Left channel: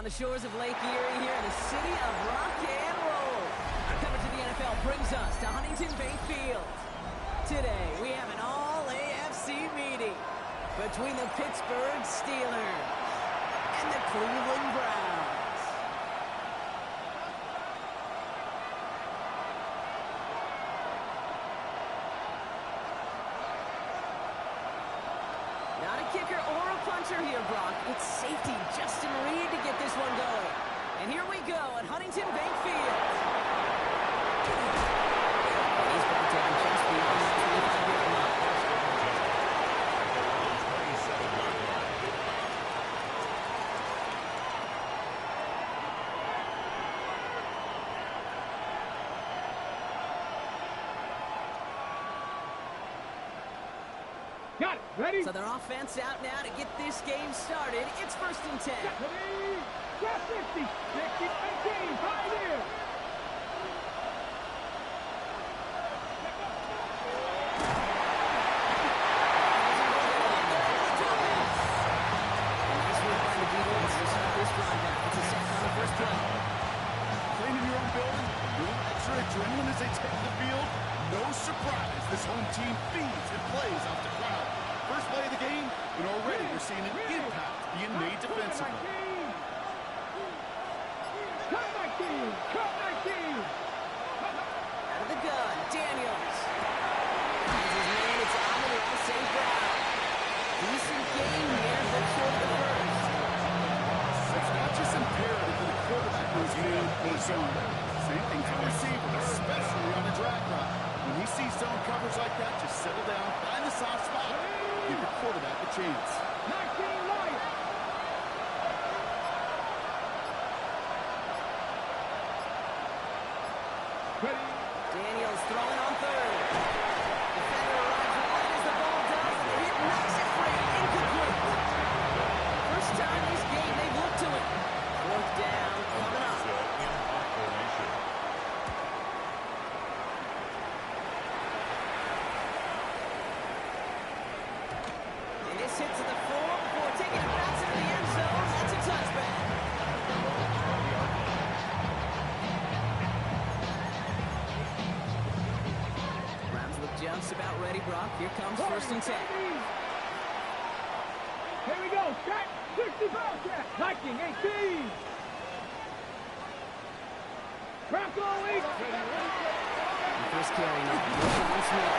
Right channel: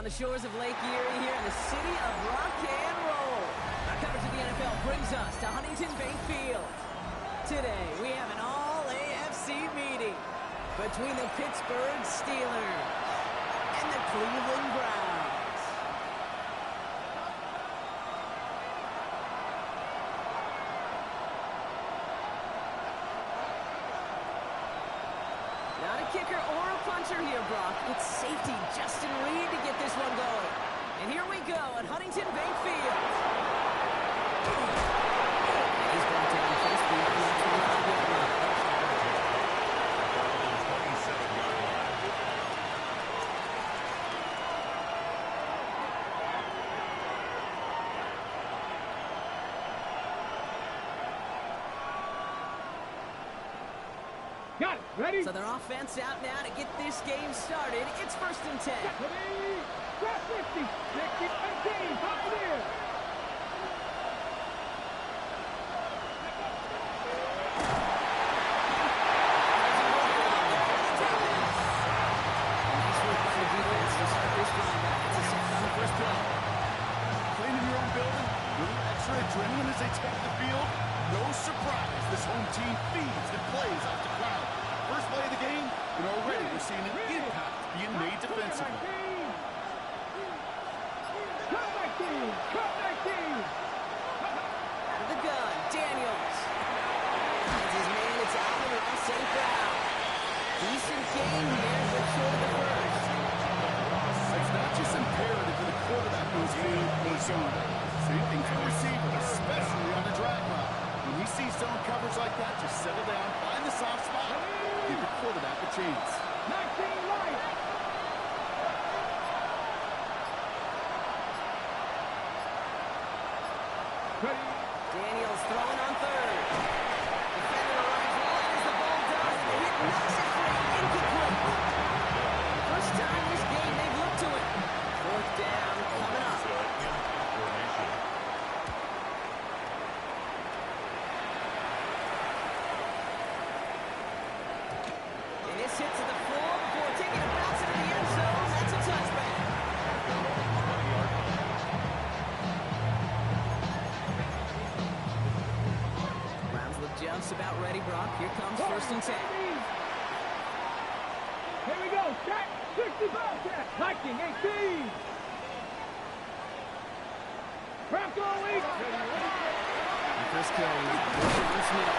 on the shores of Lake Erie here in the city of rock and roll. Our coverage of the NFL brings us to Huntington Bank Field. Today, we have an all-AFC meeting between the Pittsburgh Steelers and the Cleveland Browns. Not a kicker or a puncher here, Brock. It's safety Justin Reed to get this one going. And here we go at Huntington Bank Field. And he's brought down just beyond that 25-yard line. 27-yard line. Got it. Ready? So their offense out now to get this game started. It's 1st and 10. Ready? Grab 50, 60, 18, pioneer. Nice work by the defense to start this drive back. It's a sack on the first play. Playing in your own building, a little extra adrenaline as they take the field. No surprise, this home team feeds and plays off the crowd. First play of the game, and already we're seeing an impact being made defensively. Cut 19! Cut 19! Out of the gun, Daniels. Finds his man, it's Alvin Ross St. Brown. Decent game here, but short of the first. It's not just imperative that the quarterback goes in or zone. Same thing for the receiver, especially on the drag route. When he sees zone coverage like that, just settle down, find the soft spot, give your quarterback a chance. 19 right! Ready? Daniels throwing on third. Defender arrives right as the ball does, and the hit knocks it free. Incomplete. First time this game they've looked to it. 4th down coming up. And this hit to the floor before taking a bounce into the end zone. That's a touchback. Browns look just about ready, Brock. Here comes 1st and 10. Here we go. Check. 65 check. 19, 18. Bronco East. The first carry is John Smith.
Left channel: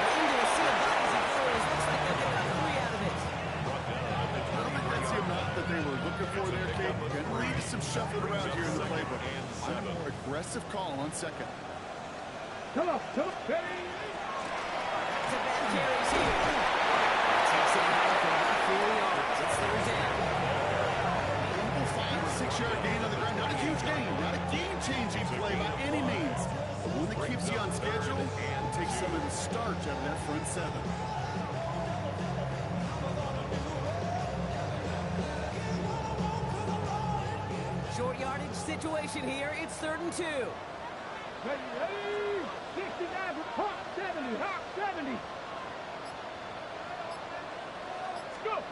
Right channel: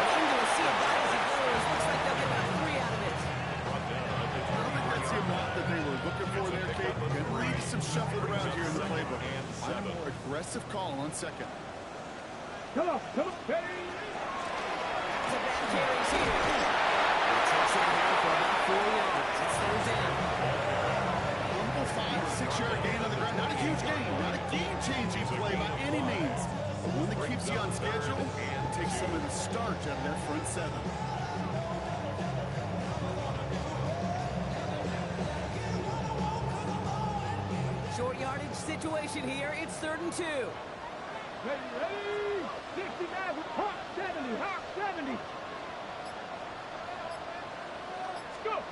And into a sea of bodies he goes. Looks like they'll get about 3 out of it. I don't think that's the amount that they were looking for there, Kate. Gonna lead to some shuffling around here in the playbook. Find a more aggressive call on second. Come on. Ready? Back-to-back carries here. He takes it ahead for about 4 yards. It's 3rd down. Humble 5 to 6 yard gain on the ground. Not a huge gain, not a game-changing play by any means. But one that keeps you on schedule and takes some of the starch out of that front seven. Short yardage situation here. It's 3rd and 2. Ready? 69, Hawk 70, Hawk 70. Let's go.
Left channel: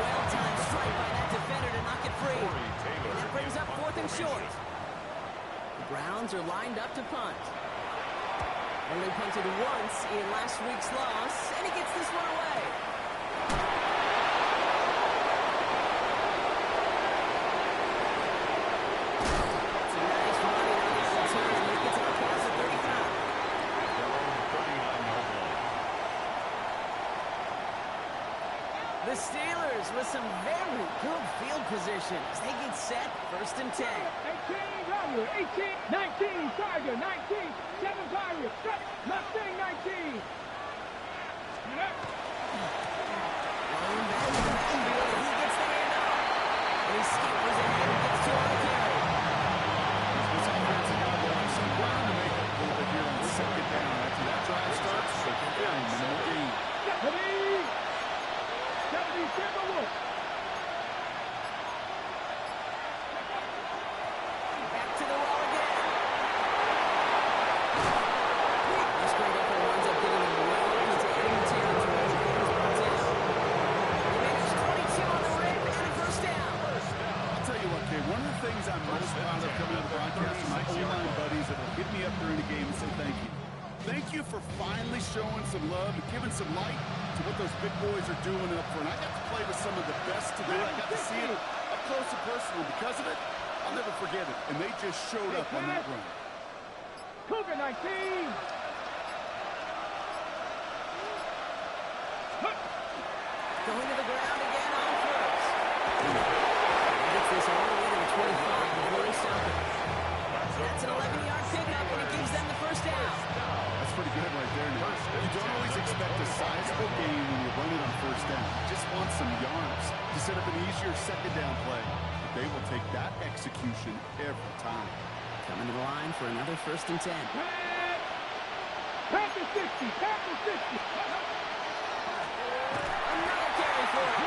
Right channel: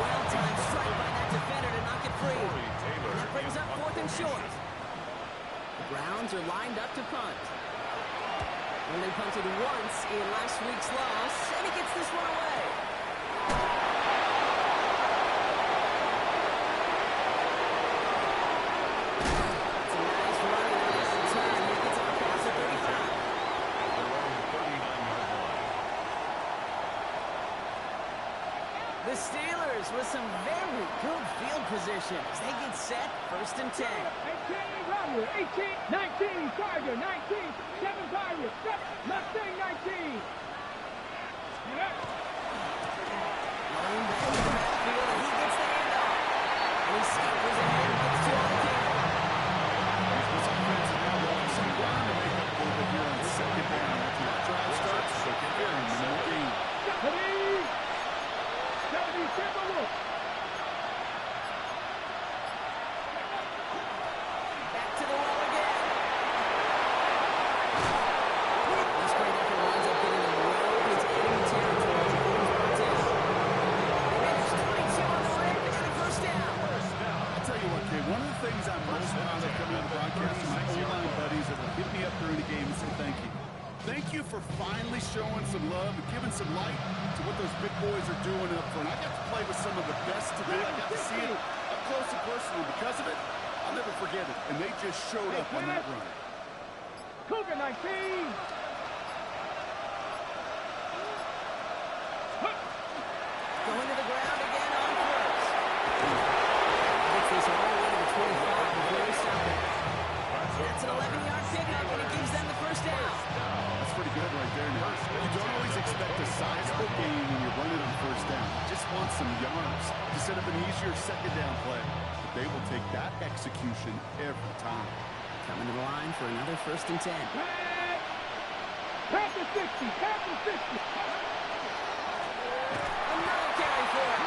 Well-timed strike by that defender to knock it free. That brings up 4th and short. The Browns are lined up to punt. Only punted once in last week's loss, and he gets this one away. It's a nice running on this return. He gets it across the 35. At their own 39-yard line. The Steelers with some very good field position as they get set. 1st and 10. 18, Robert. 18, 19, Tiger. 19, 7 Pirates. Mustang 19. Get up. Rolling back to the backfield, and he gets the handoff. And he scampers ahead and gets 2 on the carry. This offense is now going some ground to make up a little bit here on second down. After that drive starts, second down, minimal gain. Ready? 77 Wolf. Back to the well again. This great effort winds up getting him well One of the things I'm most proud of coming out of the broadcast are my O-line buddies that will hit me up during the game and say thank you. Thank you for finally showing some love and giving some light to what those big boys are doing up front. I got to play with some of the best today. I got to see it up close and personal. Because of it, I'll never forget it. And they just showed up on that run. Cougar 19. Going to the ground again on first. Gets this all the way to the 25 before they stop it. That's an 11-yard pickup, and it gives them the first down. That's pretty good right there now. You don't always expect a sizable gain when you run it on first down. You just want some yards to set up an easier second down play. But they will take that execution every time. Coming to the line for another 1st and 10. Pass to 60. Pass to 60. Another carry for it.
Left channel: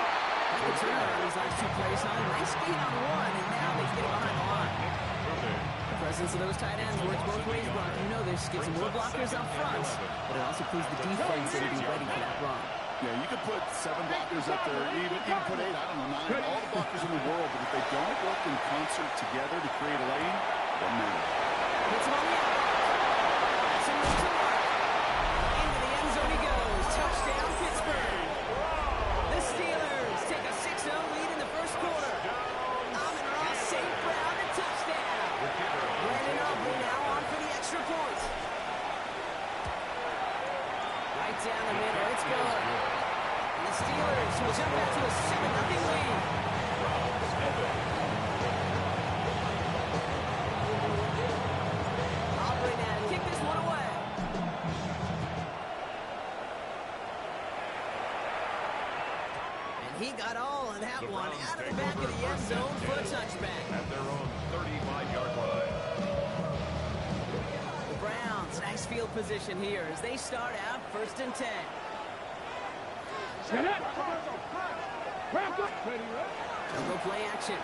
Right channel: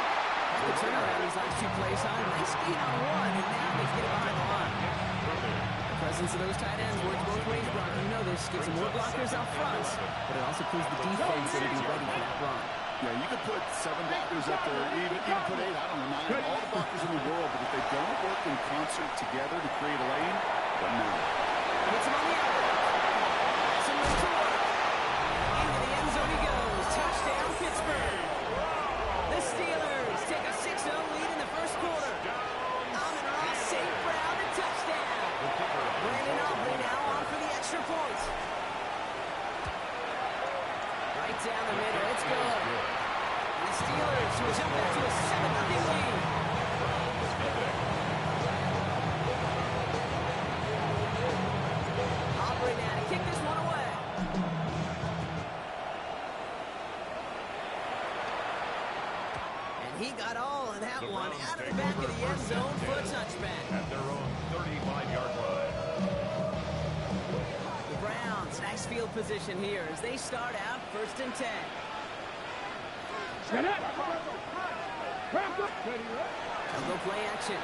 Like the turnaround these last 2 plays, huh? Nice gain on 1, and now they get it behind the line. The presence of those tight ends works both ways, Brock. You know this. Gives them more blockers out front, but it also proves the defense to be ready for that run. Yeah, you could put 7 blockers up there, even put 8, I don't know, 9, all the blockers in the world, but if they don't work in concert together to create a lane, it doesn't matter. Hits him on the outlet. Has some room to work. Into the end zone he goes. Touchdown, Pittsburgh. The Steelers take a 6-0 lead in the first quarter. Amon-Ra St. Brown, a touchdown. Brandon Aubrey now on for the extra point. Right down the middle, it's good. And the Steelers will jump back to a 7-0 lead. Aubrey now to kick this one away. And he got all of that one out of the back of the end zone for a touchback. At their own 35-yard line. The Browns, nice field position here as they start out 1st and 10. Set up. Wrap up. Ready, right? They'll go play action.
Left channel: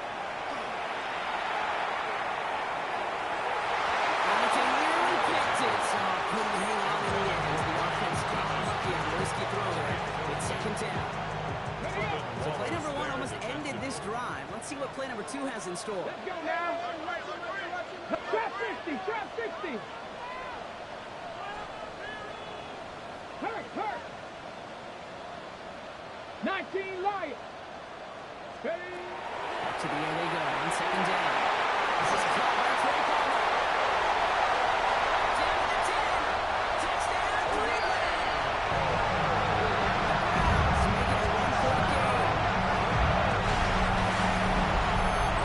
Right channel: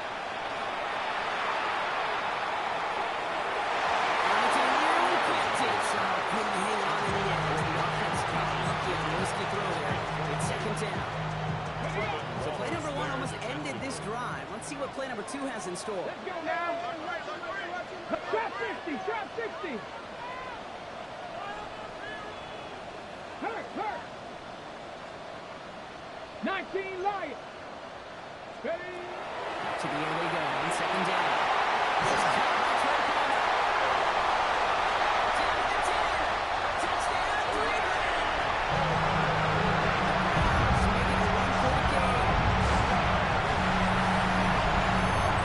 Hamilton nearly picked it, so couldn't hang on in the end. The offense got lucky on the risky throw there. It's 2nd down. So play number 1 almost ended this drive. Let's see what play number 2 has in store. Let's go now. Trap 60. Trap 60. Hurt. 19 Lions. Ready. Up to the air they go on 2nd down. This is caught by Trey Palmer. Down to the 10. Touchdown, Cleveland. The Browns make it a 1-point game.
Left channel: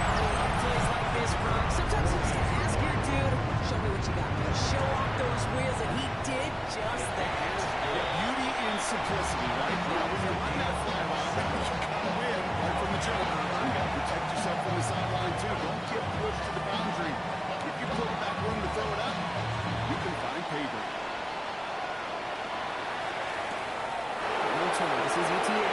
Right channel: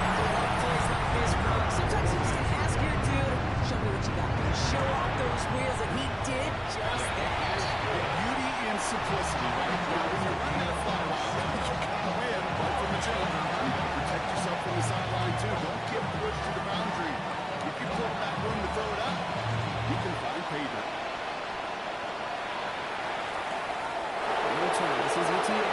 I love plays like this, Brock. Sometimes you just ask your dude, show me what you got. Show off those wheels, and he did just that. The beauty in simplicity, right? Now, when you run that fly route, you gotta win right from the jump. You gotta protect yourself from the sideline, too. Don't get pushed to the boundary. If you pull back room to throw it up, you can find pay dirt. Return. This is ETN.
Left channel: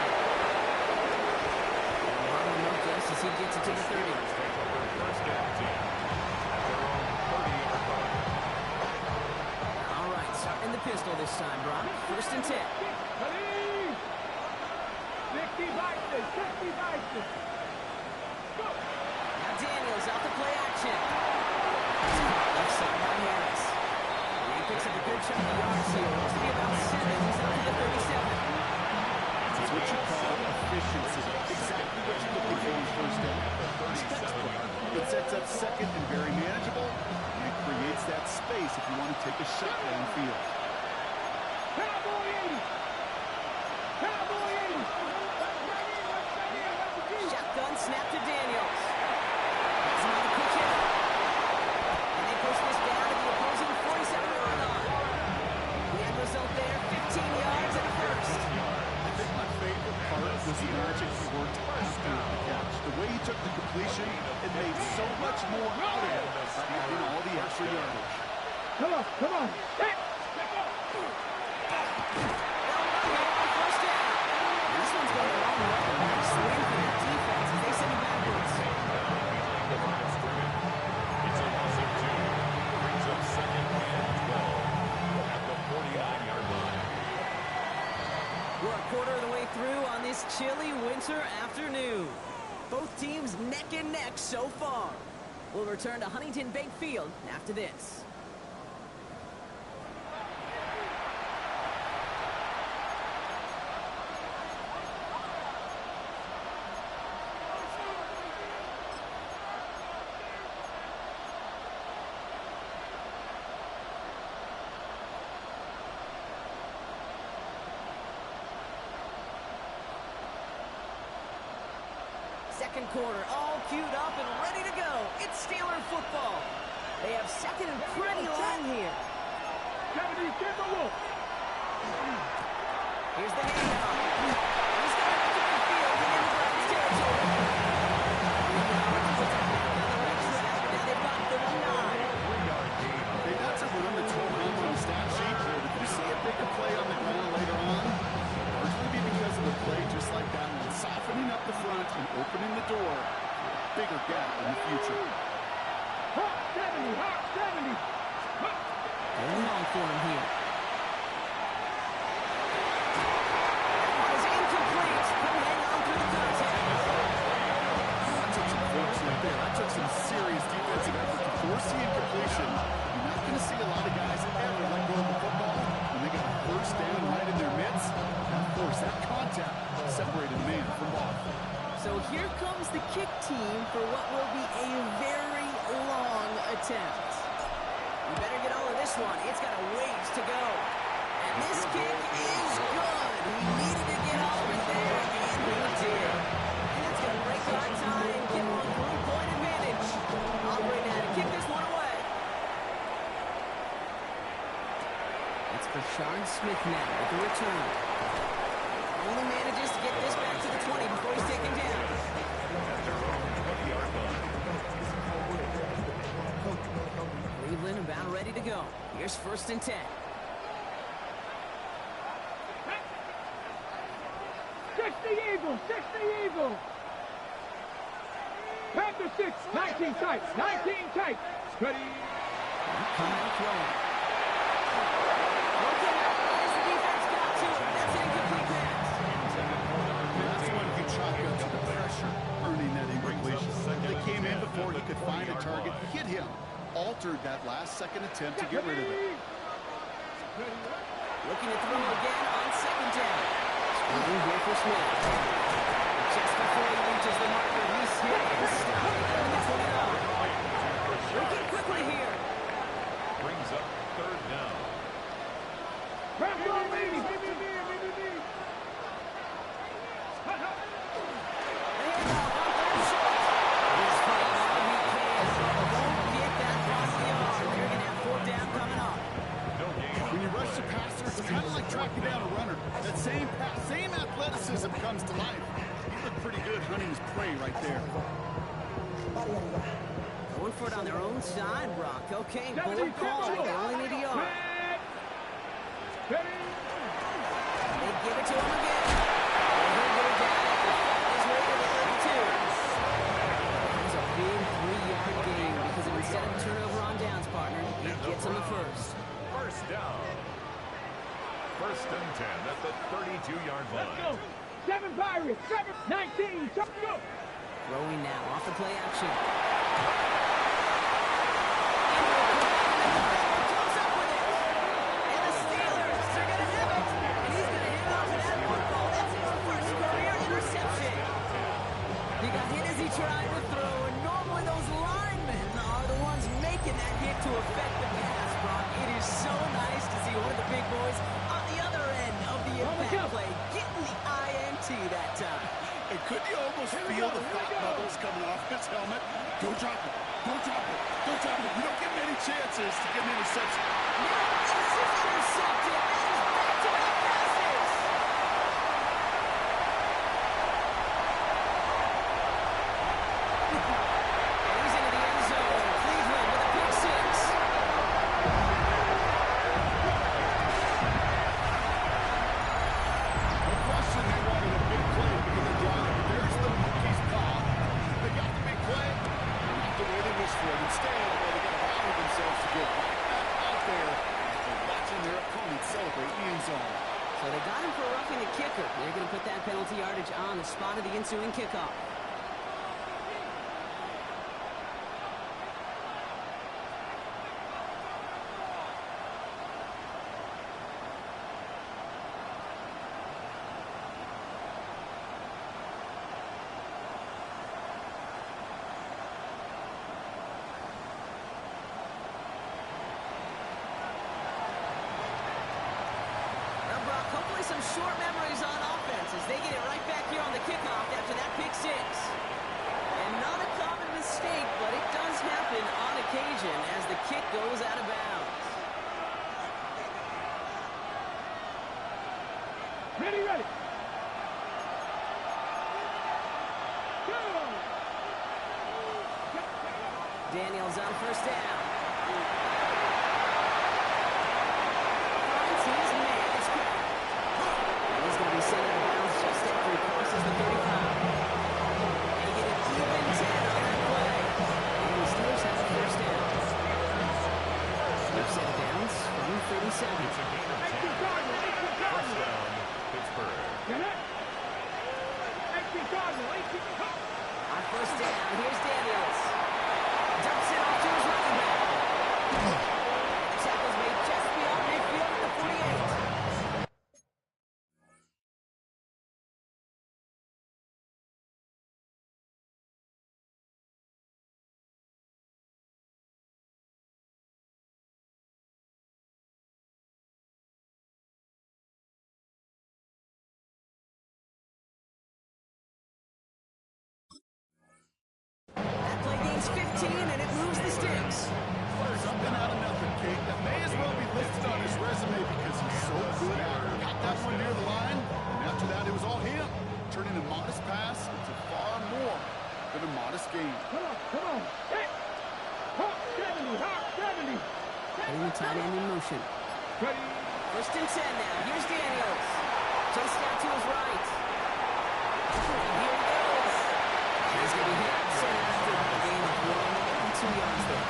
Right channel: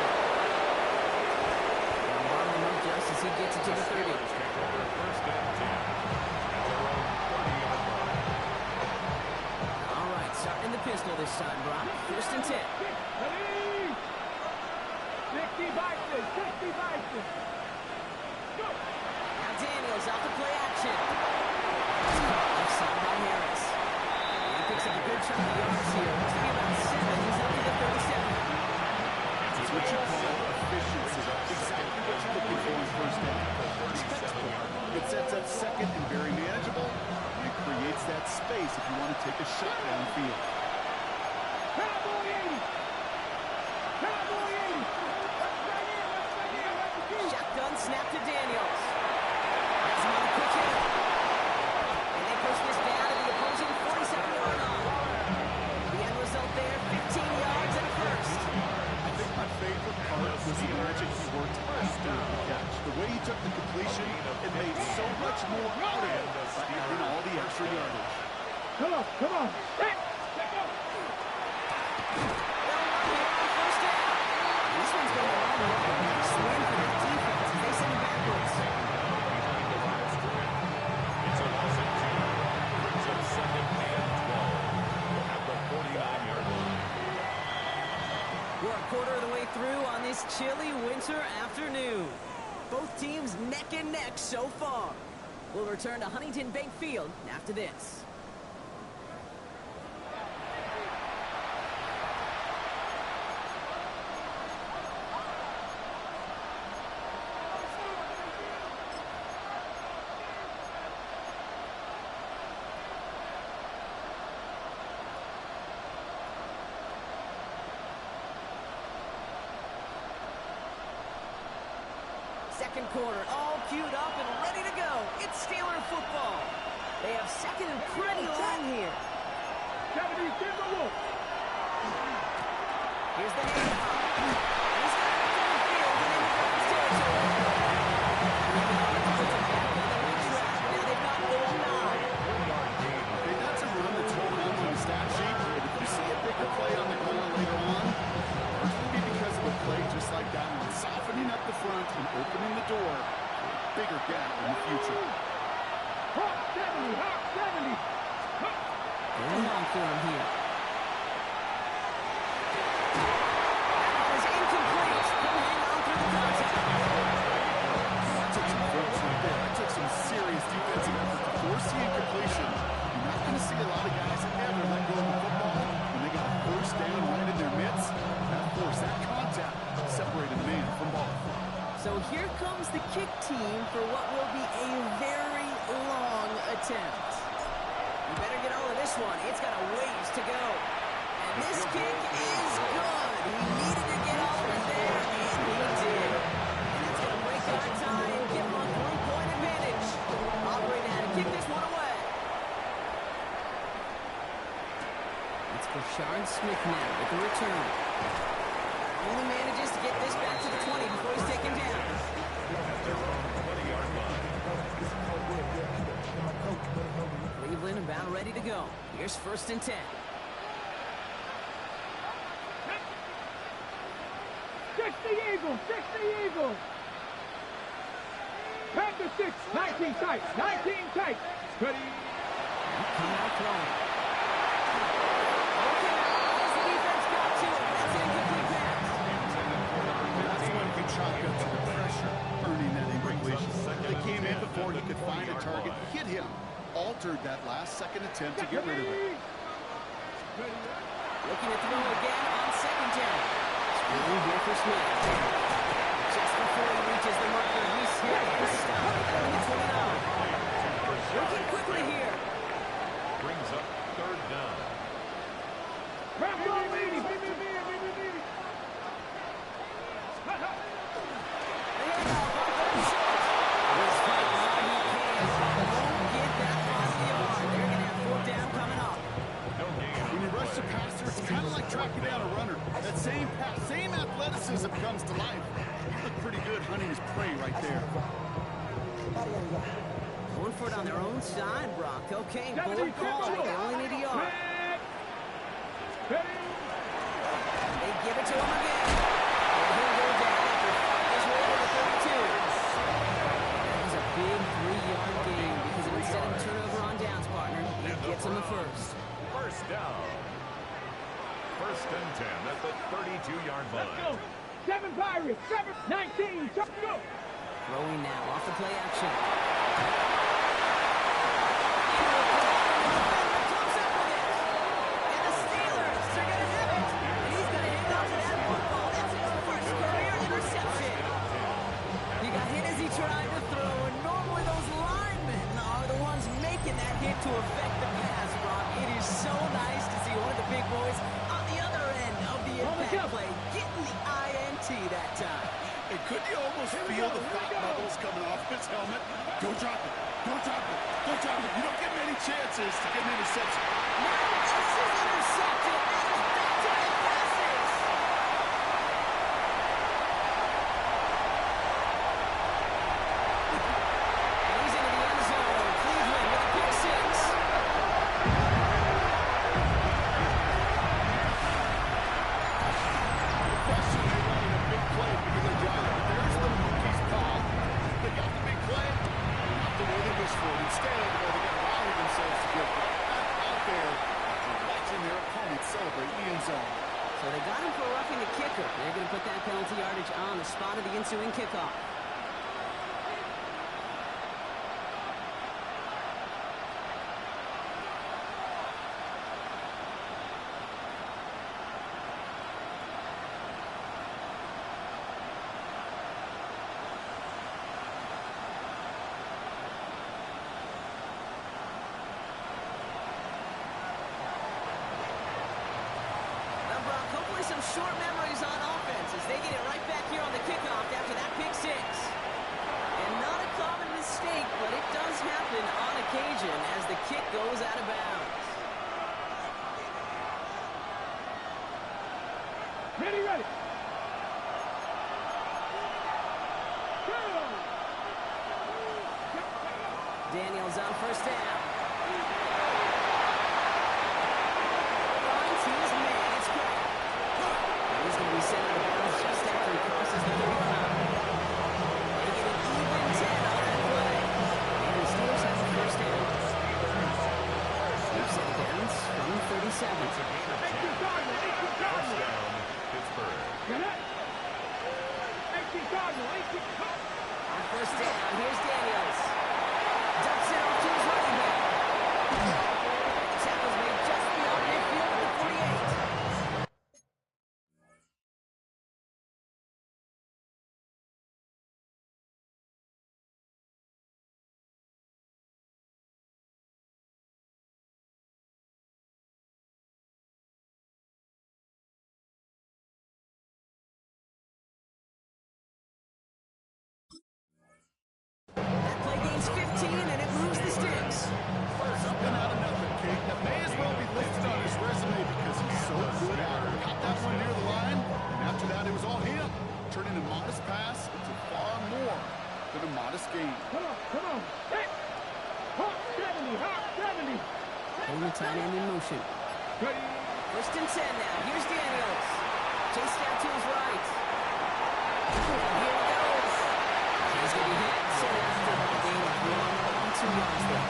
Now bottle him up just as he gets it to the 30. Steelers take over 1st and 10 at their own 30-yard line. All right, starting the pistol this time, Brock. 1st and 10. Ready. 60 Bison. 60 Bison. Go. Now Daniels out to play action. It's caught left side by Harris. And he picks up a good chunk of yards here. Looks to be about 7. He's out to the 37. It's what you call efficiency. Exactly what you're looking for in 1st down. It sets up 2nd and very manageable, and it creates that space if you want to take a shot downfield. Cowboy 80. Cowboy 80. Let's in. Shotgun snap to Daniels. Has him on the quick hitter. And they push this down to the opposing 47-yard line. The end result there, 15 yards and a 1st. I think my favorite part was the magic he worked after the catch. The way he took the completion, it made so much more out of it by adding all the extra yardage. Come on. Back. They'll run here on 1st down. This one's going a long way. Nice win for their defense as they send it backwards. Behind the line of scrimmage. It's a loss of 2. Brings up 2nd and 12 at the 49-yard line. We're a quarter of the way through on this chilly winter afternoon. Both teams neck and neck so far. We'll return to Huntington Bank Field after this. Second quarter, all queued up and ready to go. It's Steeler football. They have second and pretty long here. Here's the handoff. He's got it up to midfield and into Browns territory. 3 yards puts him back on the right track. Now they've got 39. Okay, that's a run that's hold on the stat sheet. But if you see a bigger play on the ground later on, largely be because of a play just like that one, softening up the front and opening the door for a bigger gap in the future. Hawk 70, Hawk 70. Going long for him here. That one is incomplete. He'll hang on through the contact. That took some force right there. That took some serious defensive effort to force the incompletion. You're not going to see a lot of guys ever let go of the football when they got a first down right in their midst. That force, that contact, separated man from ball. So here comes the kick team for what will be a very long attempt. You better get all of this one. It's got a ways to go. And this kick is good. He needed to get all of it there, and he did. And that's going to break our tie and give him a 3-point advantage. Aubrey now to kick this one away. It's Brashard Smith now with the return. Only manages to get this back to the 20 before he's taken down. At their own 20-yard line. Cleveland about ready to go. Here's 1st and 10. 60 Eagles, 60 Eagles. Panther 6, 19 tight, 19 tight. Ready. Come out throwing. Okay, as the defense got to him. That's an incomplete pass. That's when he chalked up to the pressure, earning that incompletion. They came in before he could find a target, hit him, altered that last second attempt to get rid of it. Looking to throw again on 2nd down. Screening here for Smith. Just before he reaches the marker, he's hit and stopped at the 29. Working quickly here. Brings up 3rd down. Grab ball, baby. The handoff on 3rd and short. He's fighting all he can, but won't get that final yard. They're going to have 4th down coming up. No gain. When you rush the passer, it's kind of like tracking down a runner. That same pass, same athleticism comes to life. You look pretty good hunting his prey right there. Going for it on their own side, Brock. Okay, board call. They only need a yard. They give it to him again. And he'll go down after fighting his way to the 32. That was a big 3-yard gain because instead of a turnover on downs, partner, he gets him the first. 1st down. 1st and 10 at the 32-yard line. 7 Pirates, 7, 19, go. Throwing now off the play action. Comes up with it. And the Steelers are going to have it. And he's going to hang on to that football. That's his first career interception. He got hit as he tried to throw, and normally those linemen are the ones making that hit to affect the pass, Brock. It is so nice to see one of the big boys on the other end of the impact play, getting the INT that time. And couldn't you almost feel the thought bubbles coming off his helmet? Don't drop it. Don't drop it. Don't drop it. You don't get many chances to get an interception. Now this is intercepted. That is back-to-back passes. And he's into the end zone. Cleveland with a pick 6. The question, they wanted a big play because of drive. But there's the monkey's paw. They got the big play. Not the way they wished for it. Instead, well, they got to rally themselves to get right back out there after watching their opponent celebrate the end zone. So they got him for roughing the kicker. They're going to put that penalty yardage on the spot of the ensuing kickoff. Probably some short memories on offense as they get it right back here on the kickoff after that pick six. And not a common mistake, but it does happen on occasion as the kick goes out of bounds. Ready, ready. Daniels on first down. Finds his man. It's cracked. And he's going to be sent out of bounds just after he crosses the 35. They get an even 10 on that play. And the Steelers have the first down. They've set it downs from 37. It's a gain of 10. First down, Pittsburgh. On first down, here's Daniels. Dumps it off to his running back. And the tackle's made just beyond midfield at the 48. That play gains 15, and it moves the sticks. Something out of nothing, Kate. That may as well be listed on his resume because he's so good at it. Got that one near the line, and after that, it was all him. Turning a modest pass into far more than a modest gain. Come on. Hey. Hawk 70, Hawk 70. Putting the tight end in motion. Ready. First and 10 now. Here's Daniels. Chased out to his right. And here he goes. And he's going to be hit. Sent after a gain of 1 2 yards there.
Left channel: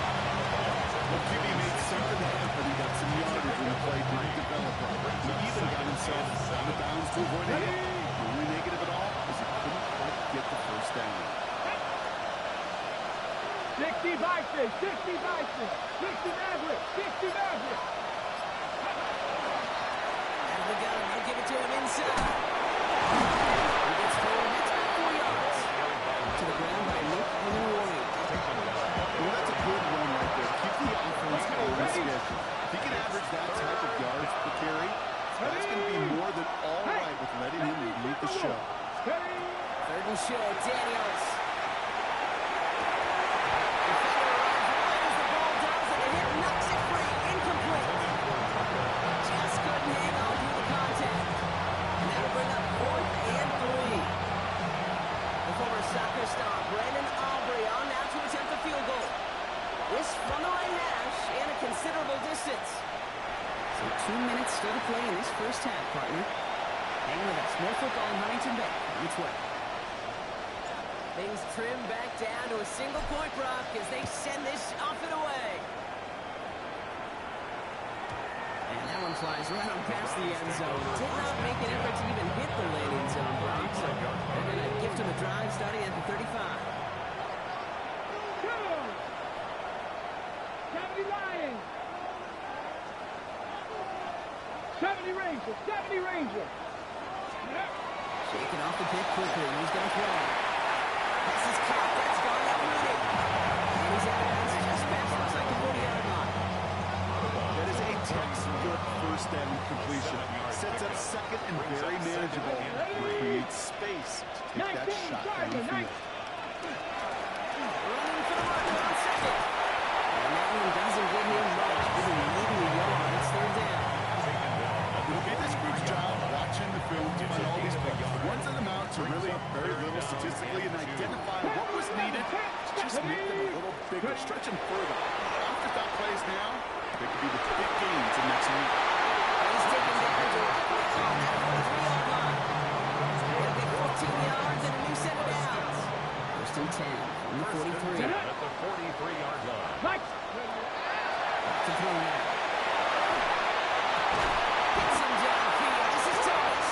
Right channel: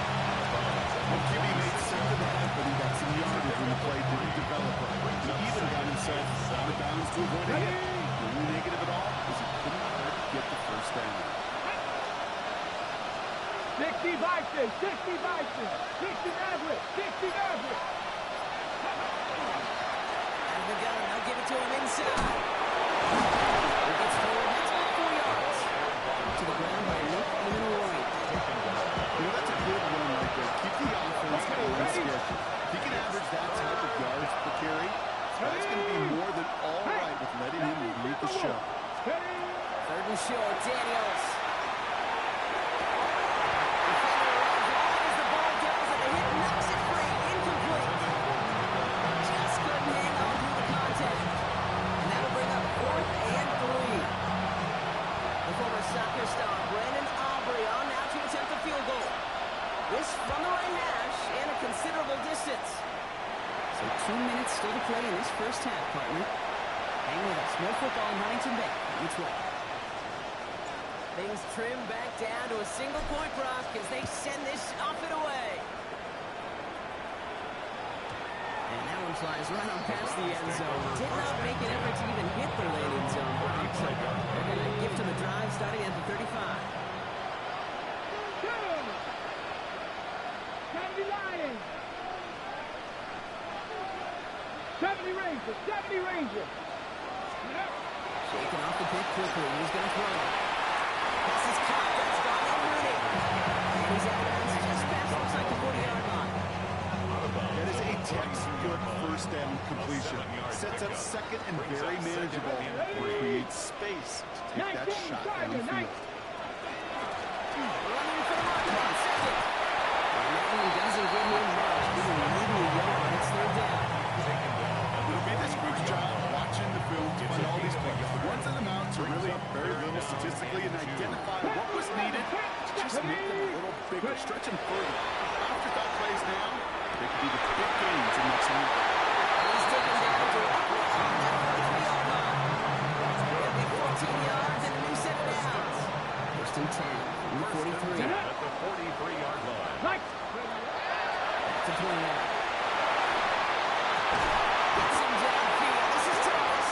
Well, QB made something happen. He got some yardage when the play didn't develop right. He even got himself out of bounds to avoid a hit. The only negative at all is he couldn't quite get the first down. 60 Bison, 60 Bison, 60 Maverick, 60 Maverick. Out of the gun. They'll give it to him inside. He gets forward. That's about 4 yards. To the ground by Nick Emanwari. You know, that's a good run right there. Keep the offense on schedule. If he can average that type of yards per carry, that's going to be more than all right with letting him lead the show. Third and short. Daniels. Defender arrives right as the ball does, and the hit knocks it free. Incomplete. Just couldn't hang on through the contact. And that'll bring up 4th and 3. The former soccer star, Brandon Aubrey, on now to attempt the field goal. This from the right hash and a considerable distance. So 2 minutes still to play in this first half, partner. Hang with us. More football in Huntington Bay on its way. Things trim back down to a single-point Brock as they send this off and away. And that one flies right on past the end zone. Did not make an effort to even hit the landing zone, Brock. So they're going to gift him a drive starting at the 35. 70 Lions. 70 Ranger, 70 Ranger. Shaking off the pick quickly. He's going to throw. This is caught. That's gone out Mooney. And he's out of bounds just past, looks like the 40-yard line. That is a textbook first down completion. Sets up second and very manageable. Creates space to take that shot downfield. Running for the marker on second. And that one doesn't get him much. Didn't need a yard. It's third down. It'll be this group's job watching the film to find all these plays. The ones that amount to really very little statistically and identify what was needed to just make them a little bigger, stretch them further. Afterthought plays now, they could be the big games in next week. He's taken down directly on that 43-yard line. He'll get 14 yards and a new set of downs. First and 10 from the 43. At the 43-yard line. Back to throw now. Gets him downfield. This is Thomas.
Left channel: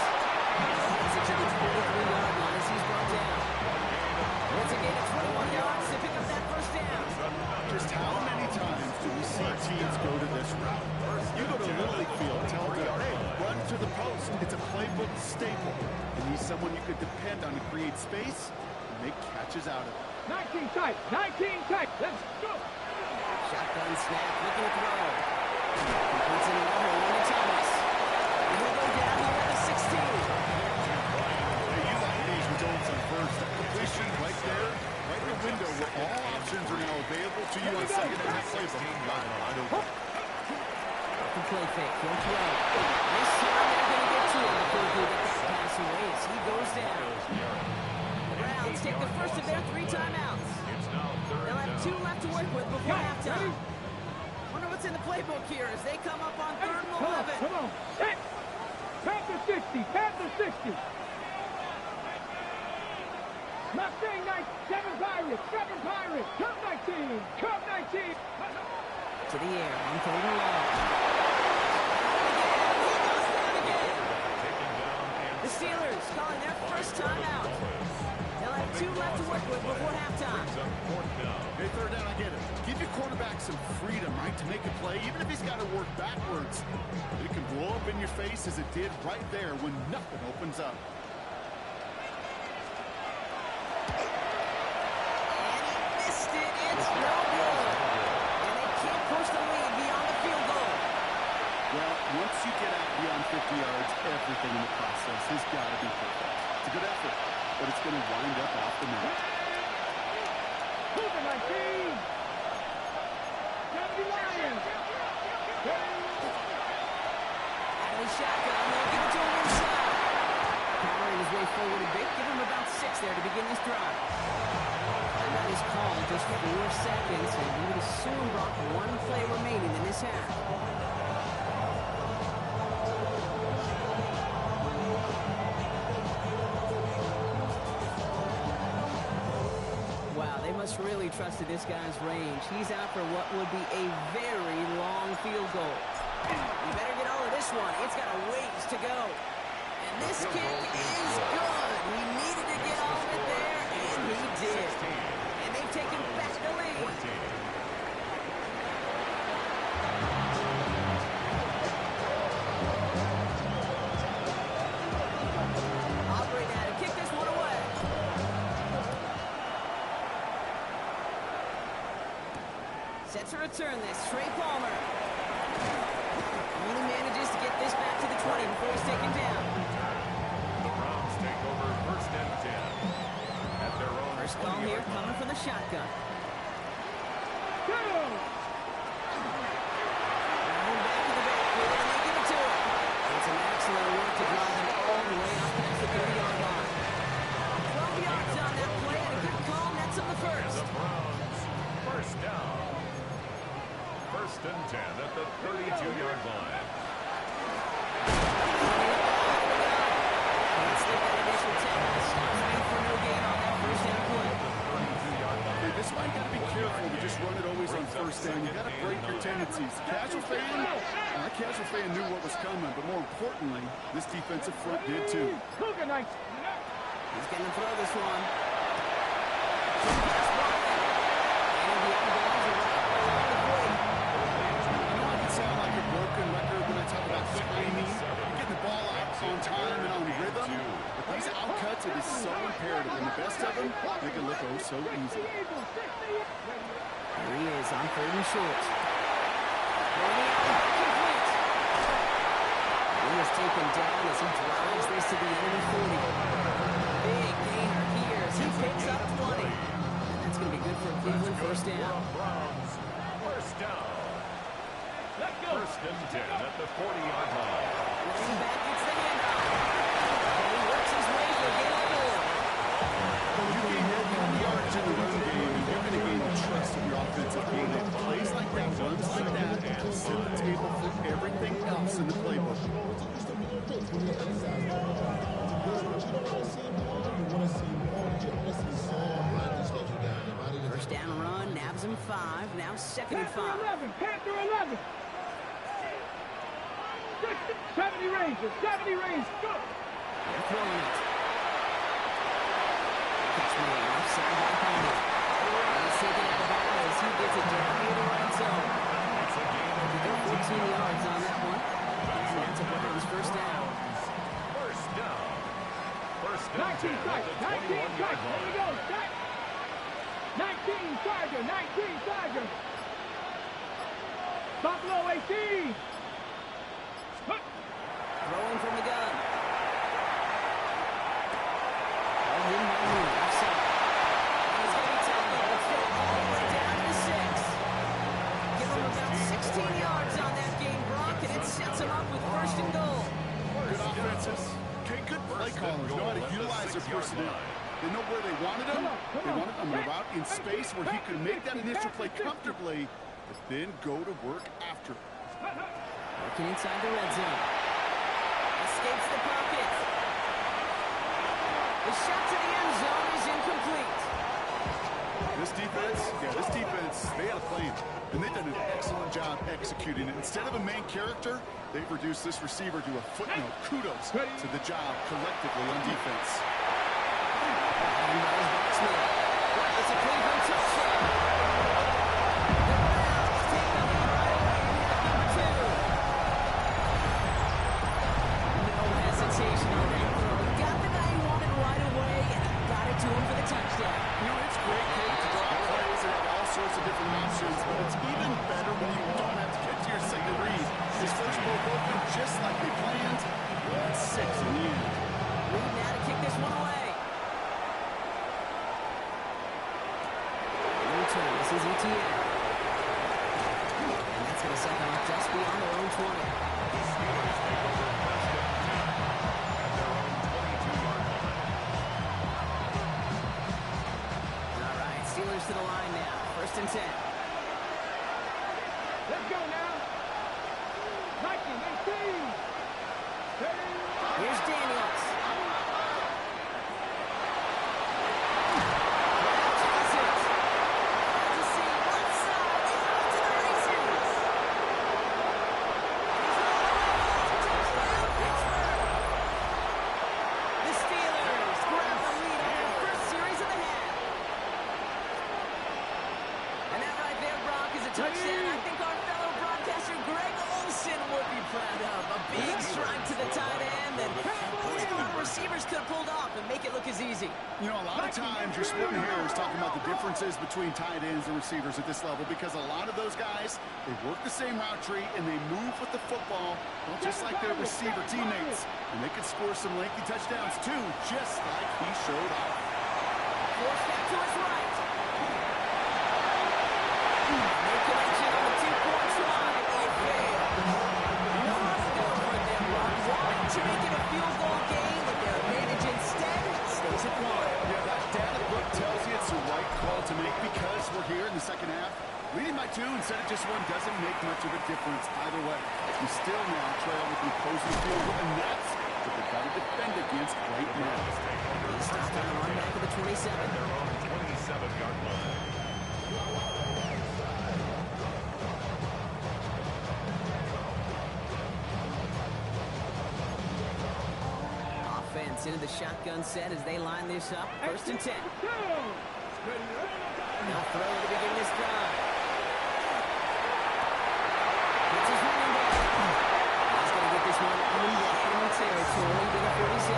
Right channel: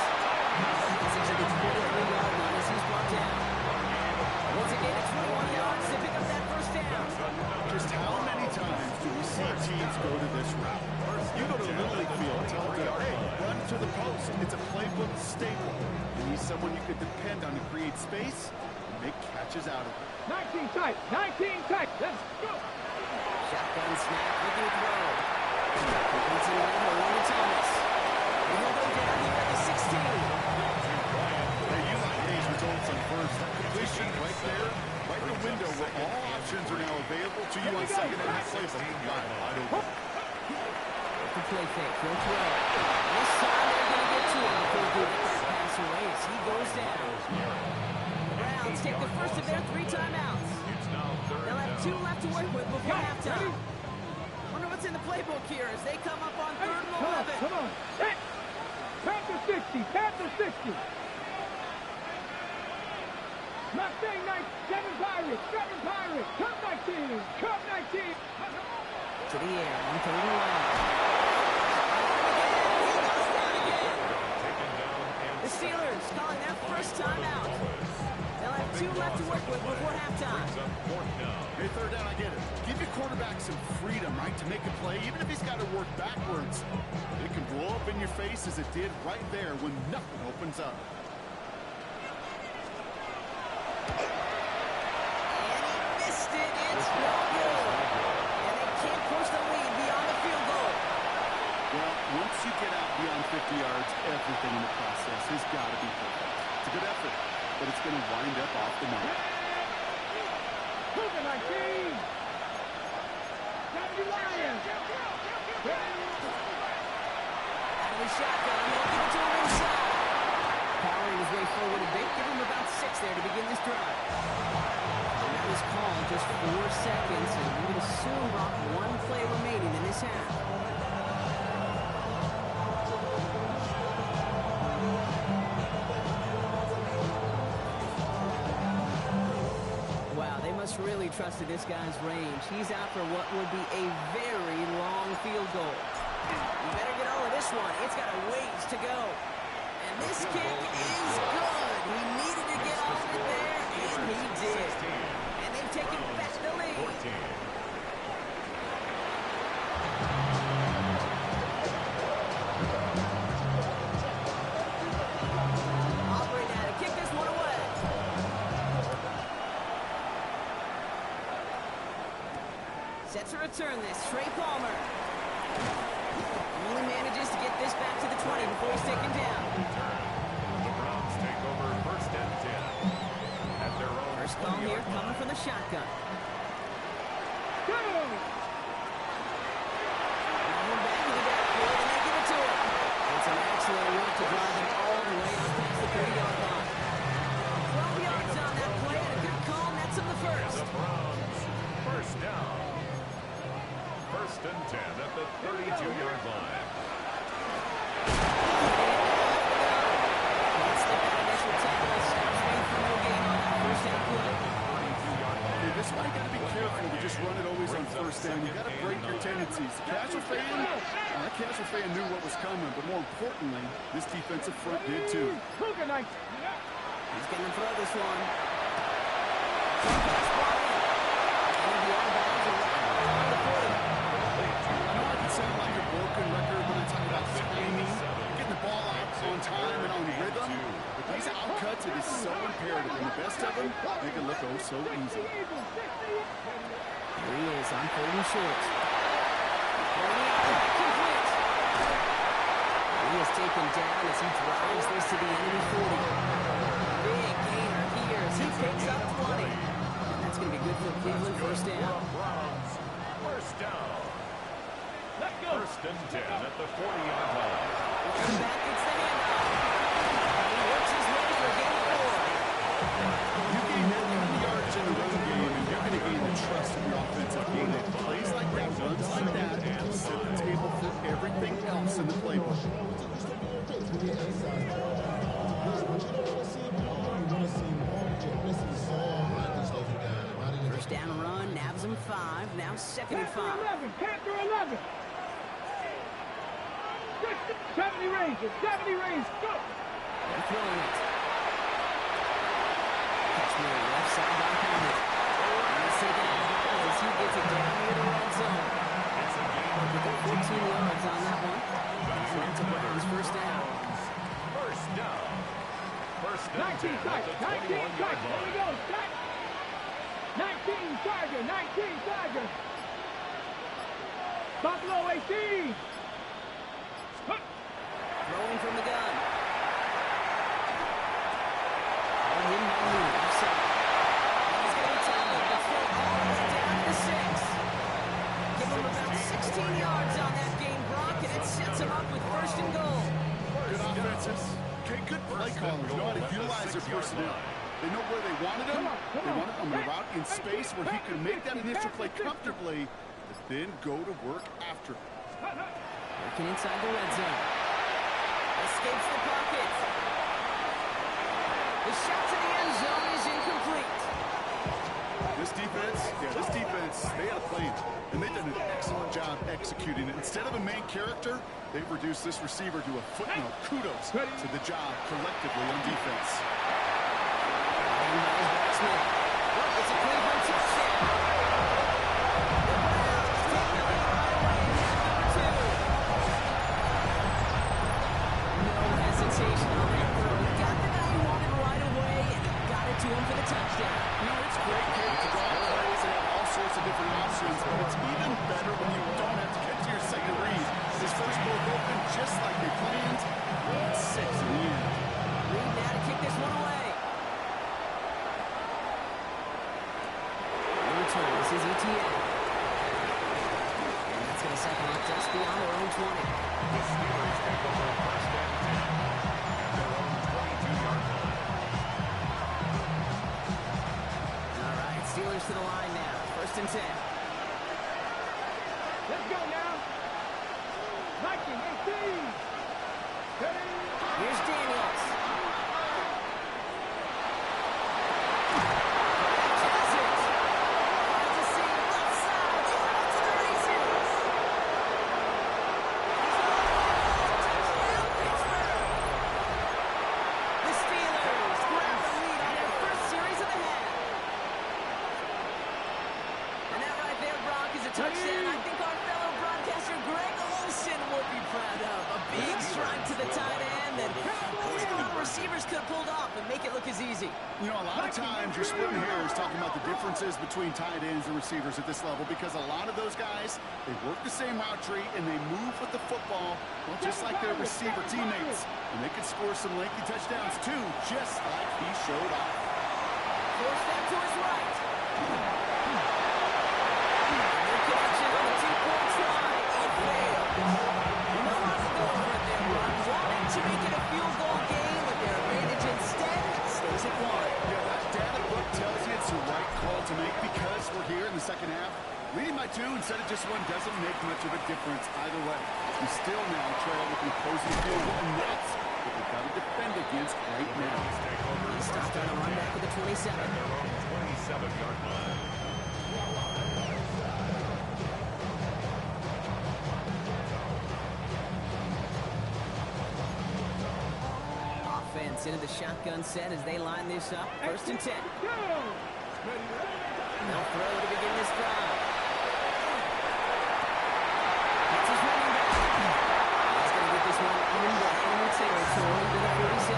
He's into the 43-yard line as he's brought down. Once again at 21 yards to pick up that first down. Just how many times do we see teams go to this route? You go to a Little League field, tell them, hey, run to the post. It's a playbook staple. And he's someone you could depend on to create space and make catches out of it. 19 tight, 19 tight. Let's go. Shotgun snap, looking to throw. He puts in another one to Thomas. And he'll go down here at the first. That completion right there, right in the window where all options are now available to you on second and that playbook. Wide open. The play fake, he'll throw. This time they're going to get to him before he can get that pass away as he goes down. The Browns take the first of their 3 timeouts. They'll have 2 left to work with before halftime. Wonder what's in the playbook here as they come up on 3rd and 11. Come on. Panther 60. Panther 60. Mustang 7 Pirates. 7 Pirates. Cub 19. Cub 19. To the air on 3rd and long. He goes down again. The Steelers calling their first timeout. They'll have 2 left to work with before halftime. Hey, 3rd down, I get it. Give your quarterback some freedom, right, to make a play, even if he's got to work backwards. It can blow up in your face as it did right there when nothing opens up. And he missed it. It's no good. And they can't push the lead beyond the field goal. Well, once you get out beyond 50 yards, everything in the process has got to be perfect. It's a good effort, but it's going to wind up off the mark. Cougar 19. 70 Lions. Out of the shotgun, they'll give it to him inside. Powering his way forward a bit, give him about 6 there to begin this drive. And that is called just 4 seconds, and we would assume, Brock, 1 play remaining in this half. Wow, they must really trust this guy's range. He's out for what would be a very long field goal. You better get all of this one. It's got a ways to go. And this kick is good. He needed to get all of it there, and he did. And they've taken back the lead. Aubrey now to kick this one away. Set to return this, Trey Palmer. Only manages to get this back to the 20 before he's taken down. The Browns take over 1st and 10. At their own First call here coming from the shotgun. Go! One back in the backfield, and they give it to him. And some excellent work to drive them all the way up past the 30-yard line. 12 yards on that play, and a good call nets him the first. The Browns, 1st down. 1st and 10 at the 32-yard line. Can't slip that initial tackle. Stops made for no gain on that 1st down play. Hey, this might got to be careful to just run it always on 1st down. You got to break your tendencies. Casual fan knew what was coming, but more importantly, this defensive front did too. Cougar 19. He's going to throw this one. Pass blocking. And the out of bounds right along the 40. I know I can sound like a broken record when I talk about timing. You're getting the ball out on time and on rhythm. But these outcuts, it is so imperative. And the best of them, make it look oh so easy. Here he is on 3rd and short. Throwing out complete. He is taken down as he drives this to the enemy 40. Big gainer here as he picks up 20. And that's going to be good for Cleveland 1st down. Browns, 1st down. Let's go. 1st and 10 at the 40-yard line. Running back gets the handoff. And he works his way for a gain of 4. You gain that many yards in the run game, and you're going to gain the trust of your offensive game. And plays like that, runs like that, set the table for everything else in the playbook. First down run, nabs him 5. Now 2nd and 5. Panther 11. Panther 11. 70 Rangers. 70 Rangers. Go. They're throwing it. Catch me left side by Palmer. And he's taken out of bounds as he gets it down near the red zone. It's a gain of He got 14 yards on that one. And that's a Browns 1st down. 1st down. 1st and 19 10 at the Tiger. 19 21-yard Tiger. There we line. go. Tiger. 19 Tiger. 19 Tiger. Buffalo 18. Throwing from the gun. All him by Moon. defenses. Okay, good play callers know how to utilize their personnel. They know where they wanted him. They wanted him on a route in space where he could make that initial play comfortably, but then go to work after. Working inside the red zone. Escapes the pocket. The shot to the end zone is incomplete. This defense, they had a plan, and they've done an excellent job executing it. Instead of a main character, they've reduced this receiver to a footnote. Kudos to the job collectively on defense. It's a Cleveland touchdown. The Browns take the lead right away in half number 2. No hesitation on that throw. He got the guy he wanted right away, and he got it to him for the touchdown. You know, it's great, Kate, to draw plays and have all sorts of different options, but it's even better when you don't have to get to your second read. His first broke open just like they planned. It's 6 in the end. Reed now to kick this one away. This is ETN. And that's going to second off just beyond their own 20. The Steelers take over first and 10 at their own 22-yard line. All right, Steelers to the line now. First and 10. Let's go now. 19, 18. Here's Daniels. Touchdown, I think our fellow broadcaster Greg Olson would be proud of. A big strike to the tight end, and only a lot of receivers could have pulled off and make it look as easy. You know, a lot of times you're splitting hairs talking about the differences between tight ends and receivers at this level, because a lot of those guys, they work the same route tree and they move with the football, well, just like their receiver teammates. And they can score some lengthy touchdowns too, just like he showed off. Force that to his right. No connection on the two-point try. It failed. You know how to go for it there, Brock. Wanting to make it a field goal game, but their advantage instead stays at 1. Yeah, that data book tells you it's the right call to make, because we're here in the second half. Leading by 2 instead of just 1 doesn't make much of a difference either way. You still now trail with an opposing field goal, and that's what they've got to defend against right now. He stopped on the run back at the 27. At their own 27-yard line. Offense into the shotgun set as they line this up. First and 10. They'll throw to begin this drive. It's his running back. He's going to get this one into enemy territory to the 47.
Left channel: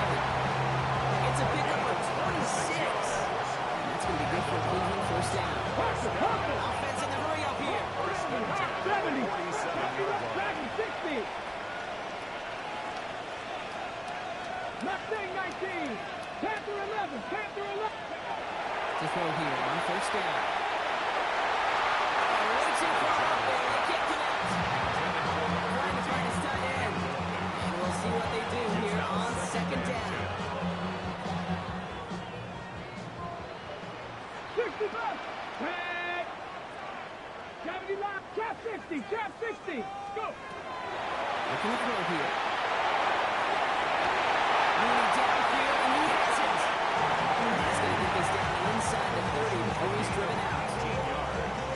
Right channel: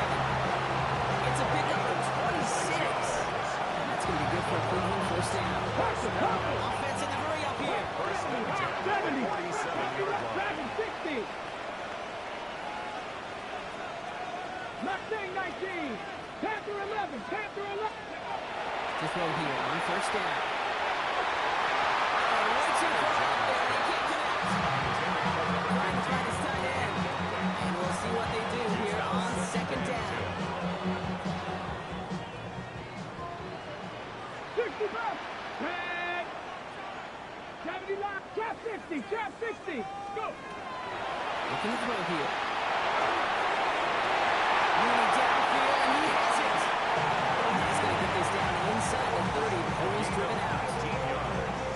It's a pickup of 26. And that's going to be good for a Cleveland first down. Offense in the hurry up here. First and 10 at the 47-yard line. 60. Mustang 19. Panther 11. Panther 11. To throw here on first down. Way too far up there. They can't connect. Trying to find his tight end. And we'll see what they do here on second down. 65. Tag. 70 line. Trap 60. Trap 60. Go. Looking to throw here. Mooney downfield, and he has it. He's going to get this down inside the 30 before he's driven out.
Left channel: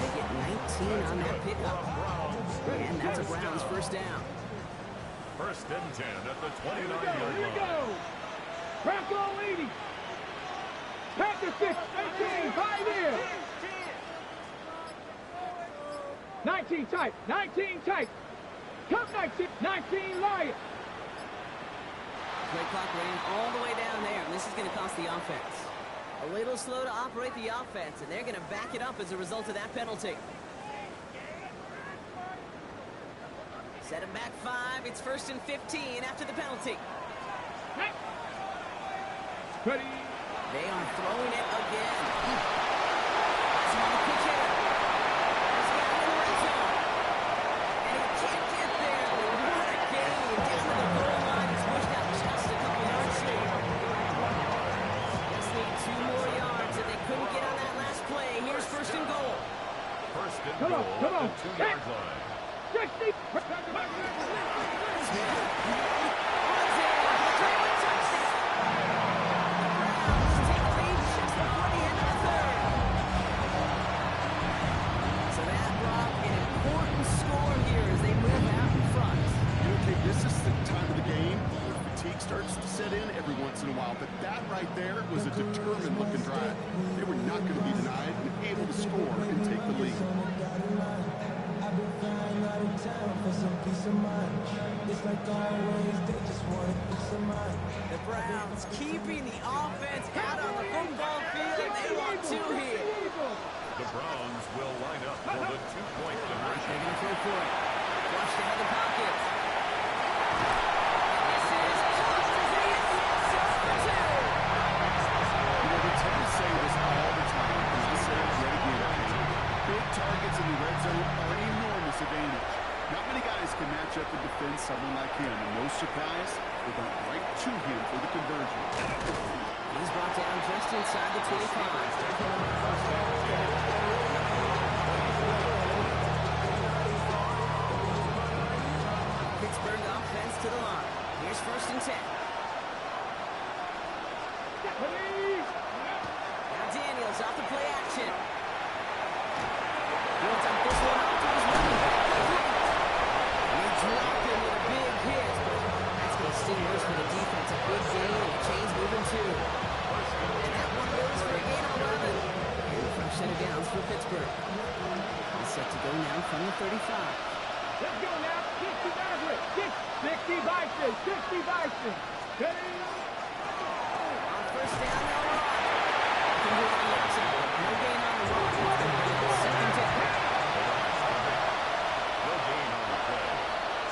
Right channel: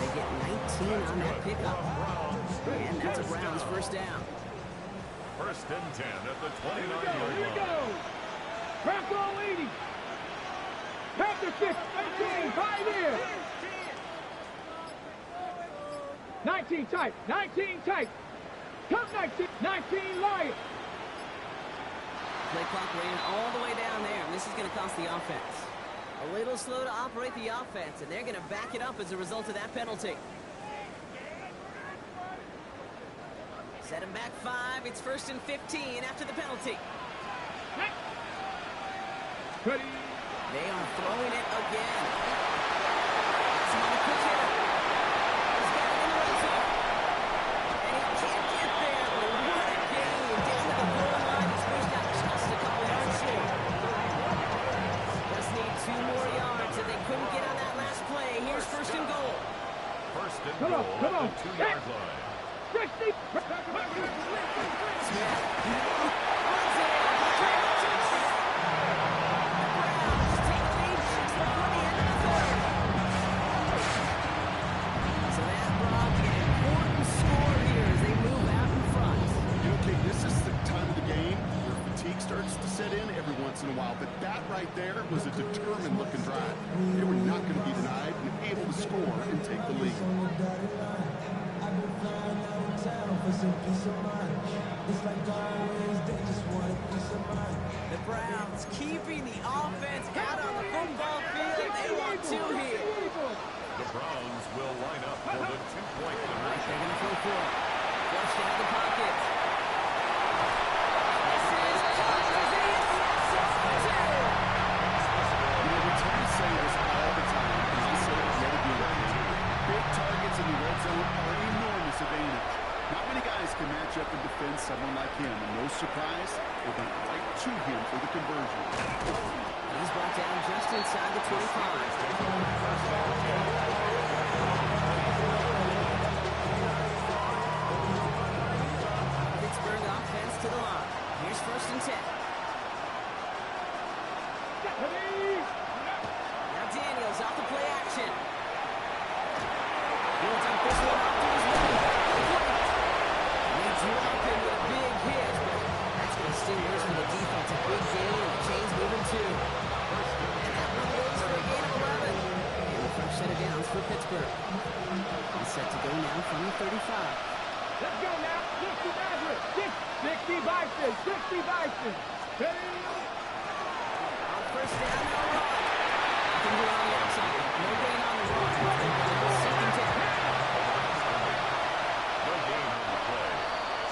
They get 19 on that pickup. And that's a Browns first down. First and 10 at the Here 29-yard we line. go. Bronco 80. Panther 6. 18. Pioneer. 19 tight. 19 tight. Come 19. 19 Lion. Play clock ran all the way down there, and this is going to cost the offense. A little slow to operate the offense, and they're going to back it up as a result of that penalty. Set him back 5. It's first and 15 after the penalty. Ready. They are throwing it again. That's another quick hitter. He's got it in the red zone. And he can't get there, but what a game. Down to the goal line. He's pushed out just Come on, goal come at on. the 2-yard line. 60. Smith runs in. Touchdown. The Browns take a lead just before the end of the third. So that brought an important score here as they move out in front. You know, Kate, this is the time of the game where fatigue starts to set in every once in a while. But that right there was a determined-looking drive. They were not going to be denied and able to score and take the lead. I've been flying out of town for some peace of mind. It's like always, they just want a piece of mind. The Browns keeping the offense out on the football field. They want two here. The Browns will line up for the 2-point They're conversion. going to throw for it. Flushed out of the pocket. This is caught as they hit the end zone for two. You know, we tend to say this all the time, and I'll say it yet again, Kate. Big targets in the red zone are an enormous advantage. Not many guys can match up and defend someone like him, and no surprise, they went right to him for the conversion. He's brought down just inside the 25. Pittsburgh offense to the line. Here's 1st and 10. Now Daniels off the play action. He'll dump this one off to his running back. Complete. And he dropped him with a big hit, but that's going to sting worse for the defense. A big gain, and the chain's moving too. And that one goes for a gain of 11. And a fresh set of downs for Pittsburgh. All set to go now from the 35. Let's go now. 60 Nazareth. 60 Bison. 60 Bison. On 1st down, they'll run. Can do it on the outside. No gain on the run. 2nd down. No gain on the play.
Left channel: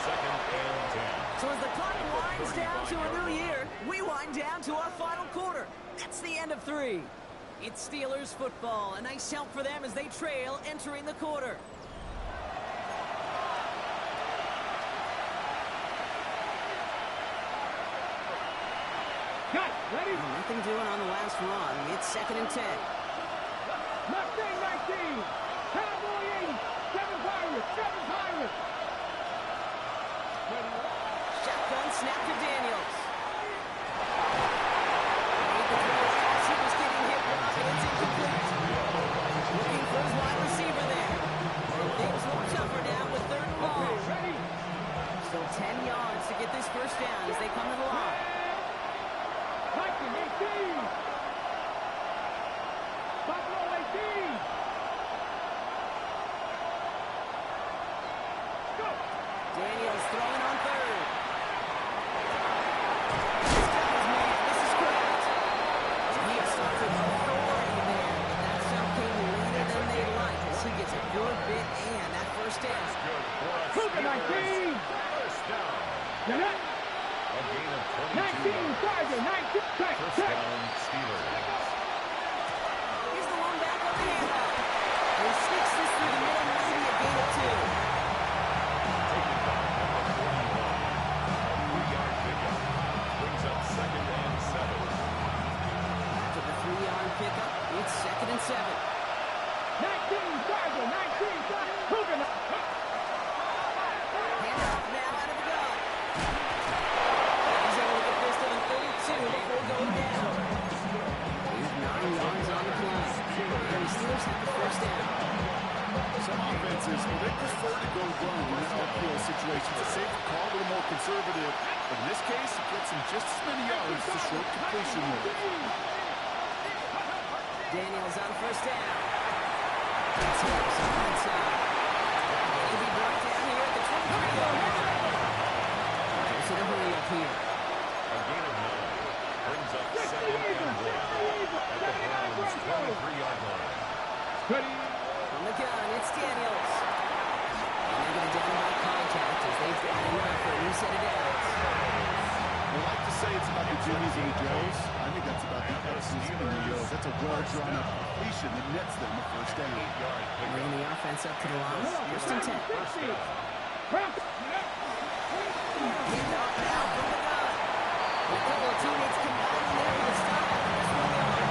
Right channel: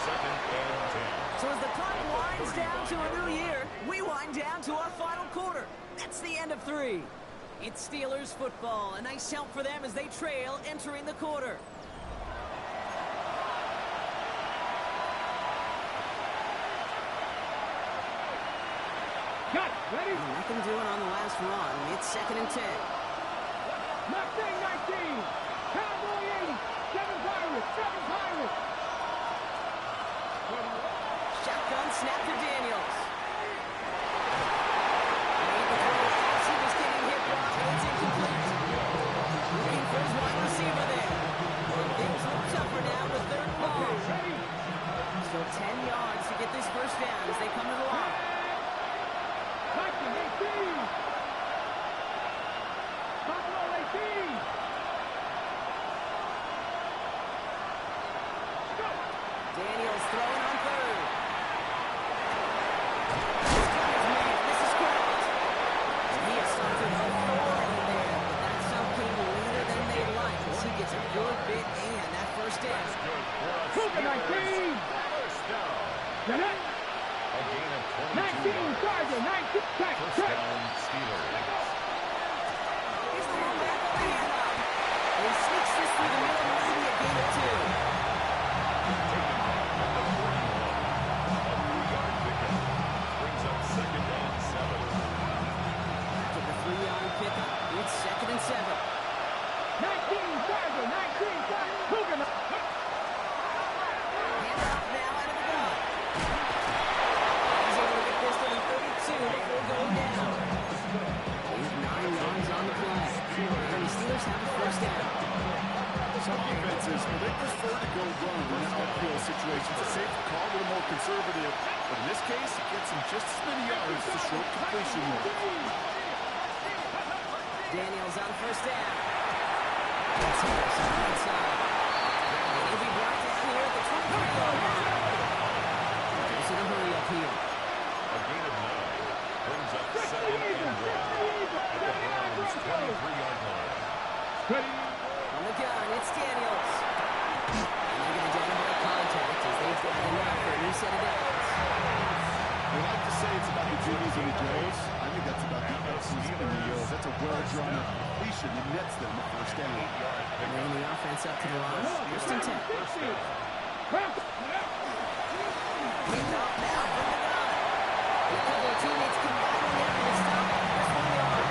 2nd and 10. So as the clock winds down to a new year, we wind down to our final quarter. That's the end of 3. It's Steelers football. A nice help for them as they trail entering the quarter. Got it. Ready? Oh, nothing doing on the last run. It's 2nd and 10. Mustang 19. Cowboy 80. 7 Pirates. 7 Pirates. Shotgun snap to Daniels. Made the throw as he was getting hit, Brock, and it's incomplete. Looking for his wide receiver there. And things look tougher now with 3rd and long. Okay, ready? Still 10 yards to get this 1st down as they come to the line. Viking 18. Buffalo 18. Go. Daniels throwing on 3rd. He's got his man. This is Kraft. He assaulted authority there, but that stump came later than they'd like as he gets a good bit and that 1st down. Good for a Cougar 19. First down. Now that. A gain of 19. 22 yards. Tiger 19. Check. First Check. down, Steelers. Here's the one back on the handoff. And he sneaks this through the middle, maybe a gain of 2. Taken down at the 41. A 3-yard pickup. Brings up 2nd and 7. After the 3-yard pickup, it's 2nd and 7. 19. Tiger 19. Cougar. Handoff now out of the gun. He's able to get this to the 32 before going down. He's 9 yards on the play. And the Steelers have a 1st down. Some offenses, they prefer to go run in an uphill situation. It's a safe call, a little more conservative. But in this case, it gets him just as many yards as the short completion will. Daniels on 1st down. It's Harris on the inside. And he'll be brought down here at the 23-yard line. Goes to the hurry up here. A gain of 9. Brings up 2nd and 1. At the Browns' 23-yard line. Ready? On the gun, it's Daniels. And they're going to down him by contact as they've got enough for a new set of downs. They like to say it's about the Jimmies and the Joes. I think that's about the X's and the O's. That's a well-drawn-up completion that nets them the 1st down. 8-yard pickup. Bringing the offense up to the line. 1st and 10. First down. Picked off now from the gun. And a couple of teammates combining there for the stop after just 1 yard.